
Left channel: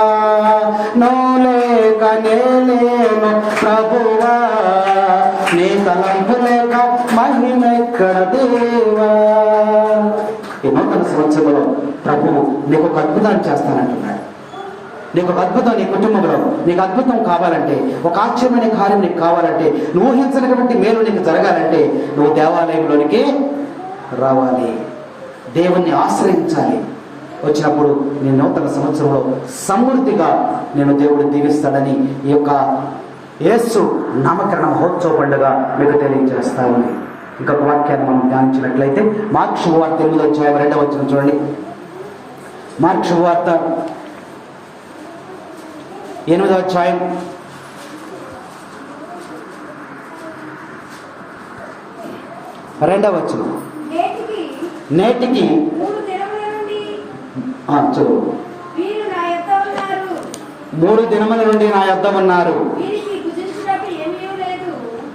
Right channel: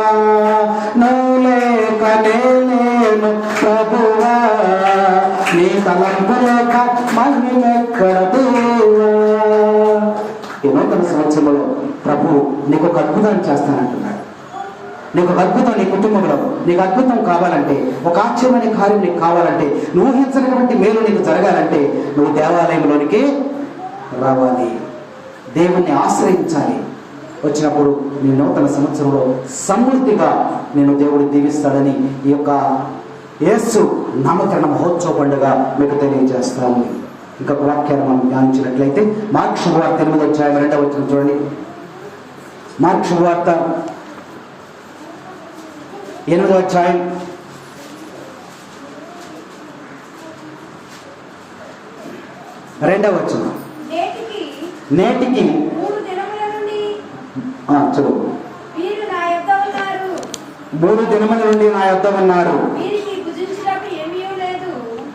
నువ్వు లేక నేలేను ప్రభువా, నీ తలంపు లేక మహిమెక్కడ దేవా. ఈ నూతన సంవత్సరంలో ప్రభువు నీకు ఒక అద్భుతాన్ని చేస్తానంటున్నాడు. నీకు ఒక అద్భుతం నీ కుటుంబంలో, నీకు అద్భుతం కావాలంటే, ఒక ఆశ్చర్యమైన కార్యం నీకు కావాలంటే, నువ్వు ఊహించనటువంటి మేలు నీకు జరగాలంటే నువ్వు దేవాలయంలోనికి రావాలి. దేవుణ్ణి ఆశ్రయించాలి. వచ్చినప్పుడు నీ నూతన సంవత్సరంలో సమృద్ధిగా నేను దేవుడు దీవిస్తాడని ఈ యొక్క యేసు నామకరణ మహోత్సవ పండుగ మీకు తెలియజేస్తాను. ఇంకొక వాక్యాన్ని మనం ధ్యానించినట్లయితే మార్కు శుభవార్త 8వ అధ్యాయం 2వ వచనం చూడండి. మార్కు శుభవార్త 8వ అధ్యాయం 2వ వచనం. నేటికి చదువు. 3 దినముల నుండి నా యొద్ద ఉన్నారు,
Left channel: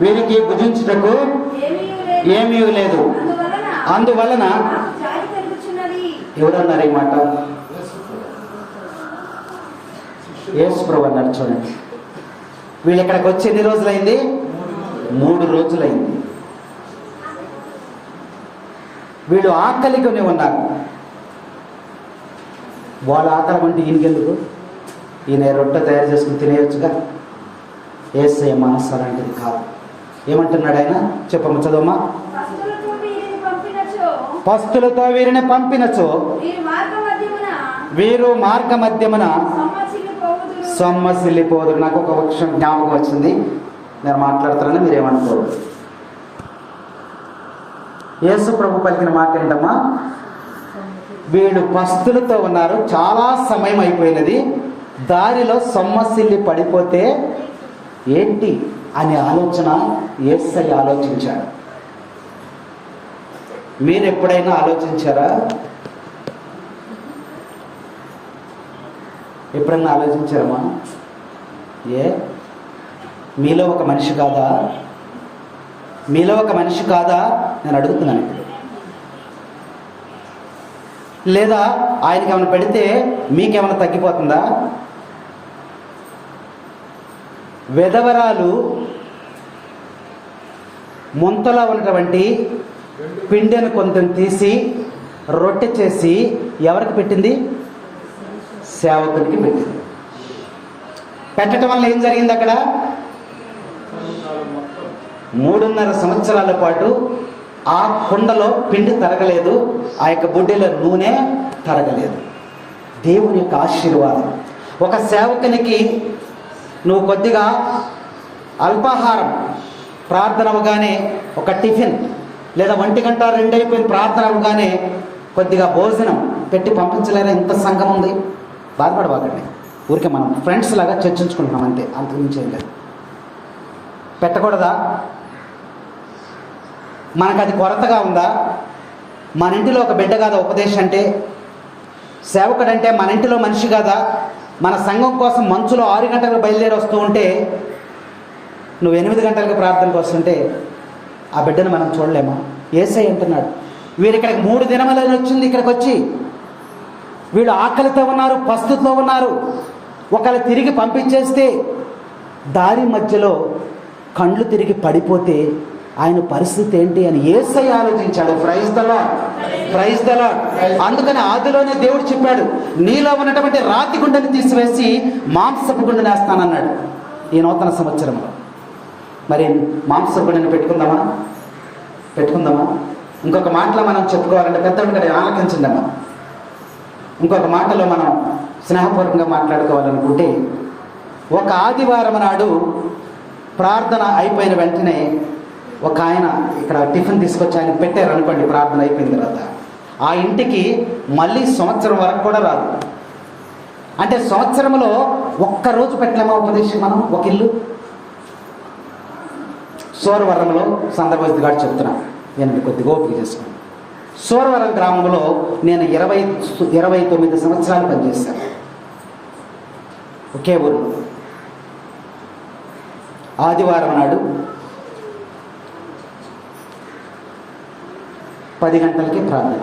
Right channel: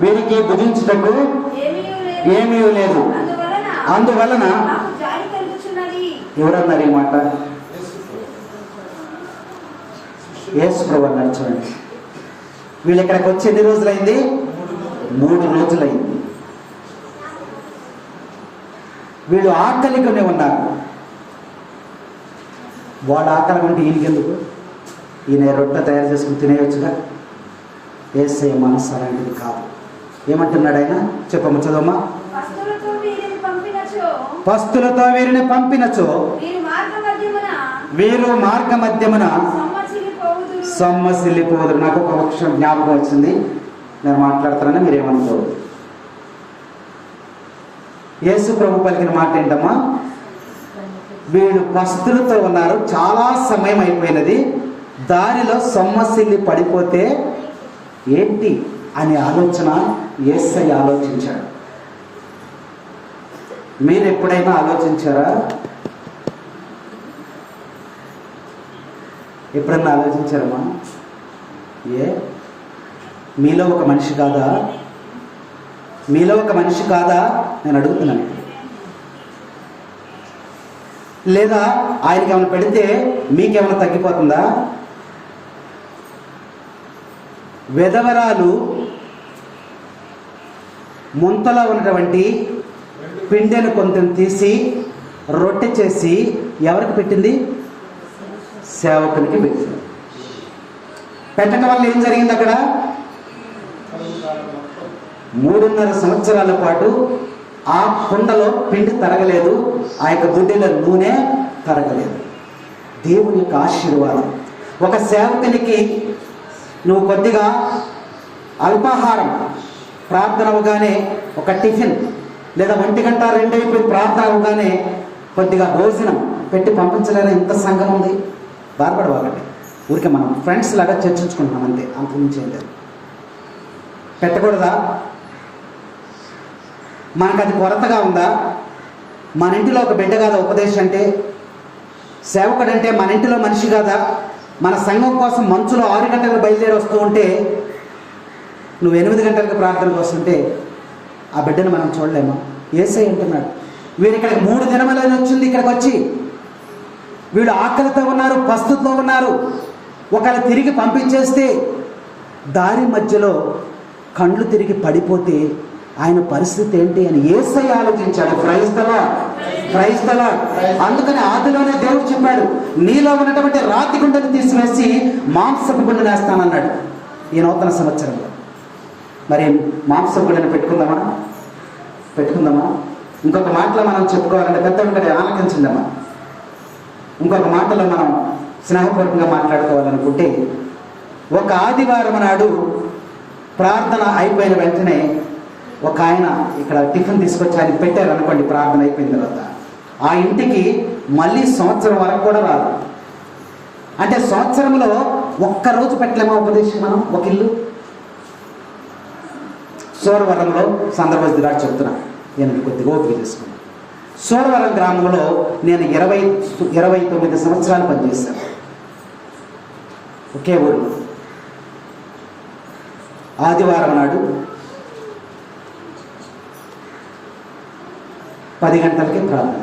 వీరికి భుజించుటకు ఏమీ లేదు, అందువలన ఎవరన్నారు ఈ మాట? యేసు ప్రభువు అన్నారు. చూడండి, వీళ్ళు ఇక్కడికి వచ్చి ఎన్ని రోజులైంది? 3 రోజులైంది. వీళ్ళు ఆకలిగానే ఉన్నారు. వాళ్ళ ఆకలి అంటే ఈయనకెందుకు? ఈయన రొట్టె తయారు చేసుకుని తినేయొచ్చుగా. యేసయ్య మనసు అలాంటిది కాదు. ఏమంటున్నాడు ఆయన? చెప్పమ్మ, చదవమ్మా. పస్తులతో వీరిని పంపినచో వీరు మార్గ మధ్యమున సొమ్మసిల్లిపోదురు. నాకు ఒక పక్షం జ్ఞాపకం వచ్చింది, నేను మాట్లాడుతున్నా, మీరేమనుకోరు. యేసు ప్రభు పలికిన మాట ఏంటమ్మా? వీళ్ళు పస్తులతో ఉన్నారు, చాలా సమయం అయిపోయినది, దారిలో సొమ్మసిల్లి పడిపోతే ఏంటి అనే ఆలోచన యేసయ్య ఆలోచించాడు. మీరు ఎప్పుడైనా ఆలోచించారా? ఎప్పుడన్నా ఆలోచించారమ్మా? మీలో ఒక మనిషి కాదా? మీలో ఒక మనిషి కాదా నేను అడుగుతున్నాను. లేదా ఆయనకి ఏమైనా పెడితే మీకేమైనా తగ్గిపోతుందా? వెధవరాలు ముంతలో ఉన్నటువంటి పిండెను కొంచెం తీసి రొట్టె చేసి ఎవరికి పెట్టింది? సేవకునికి పెట్టింది. పెట్టడం వల్ల ఏం జరిగింది? అక్కడ 3.5 సంవత్సరాల పాటు ఆ కుండలో పిండి తరగలేదు, ఆ యొక్క బుడ్డిలో నూనె తరగలేదు. దేవుని యొక్క ఆశీర్వాదం. ఒక సేవకునికి నువ్వు కొద్దిగా అల్పాహారం, ప్రార్థన అవగానే ఒక టిఫిన్, లేదా 1 గంట 2 అయిపోయి ప్రార్థన అవగానే కొద్దిగా భోజనం పెట్టి పంపించలేరా? ఇంత సంఘం ఉంది. బాధపడవాకండి, ఊరికే మనం ఫ్రెండ్స్ లాగా చర్చించుకుంటున్నాం అంతే, అంతకుమించి ఏం లేదు. పెట్టకూడదా? మనకు అది కొరతగా ఉందా? మన ఇంటిలో ఒక బిడ్డ కాదా ఉపదేశం అంటే? సేవకుడంటే మన ఇంటిలో మనిషి కాదా? మన సంఘం కోసం మంచులో 6 గంటలకు బయలుదేరి వస్తూ ఉంటే నువ్వు 8 గంటలకు ప్రార్థనకు వస్తుంటే ఆ బిడ్డను మనం చూడలేమా? యేసయ్య అంటున్నాడు, వీరు ఇక్కడికి 3 దినములని వచ్చింది. ఇక్కడికి వచ్చి వీళ్ళు ఆకలితో ఉన్నారు, పస్తుతో ఉన్నారు. ఒకవేళ తిరిగి పంపించేస్తే దారి మధ్యలో కండ్లు తిరిగి పడిపోతే ఆయన పరిస్థితి ఏంటి అని యేసయ్య ఆలోచించాడు. Praise the lord. అందుకని ఆదిలోనే దేవుడు చెప్పాడు, నీలో ఉన్నటువంటి రాతి గుండెని తీసివేసి మాంసపు గుండెని వేస్తానన్నాడు ఈ నూతన సంవత్సరంలో. మరి మాంసపు గుండెని పెట్టుకుందామా? ఇంకొక మాటలో మనం చెప్పుకోవాలంటే పెద్దోడు గారు ఆలకించిందమ్మా. ఇంకొక మాటలో మనం స్నేహపూర్వకంగా మాట్లాడుకోవాలనుకుంటే, ఒక ఆదివారం నాడు ప్రార్థన అయిపోయిన వెంటనే ఒక ఆయన ఇక్కడ టిఫిన్ తీసుకొచ్చి ఆయన పెట్టారు అనుకోండి, ప్రార్థన అయిపోయిన తర్వాత ఆ ఇంటికి మళ్ళీ సంవత్సరం వరకు కూడా రాదు. అంటే సంవత్సరంలో ఒక్కరోజు పెట్టలేమా ఉపదేశం మనం? ఒక ఇల్లు సూరవరంలో సందర్భం గారు చెప్తున్నా, నేను కొద్దిగా ఓపిక చేసుకున్నాను. సూరవరం గ్రామంలో నేను 29 సంవత్సరాలు పనిచేశాను ఒకే ఊరు. ఆదివారం నాడు 10 గంటలకి ప్రార్థన,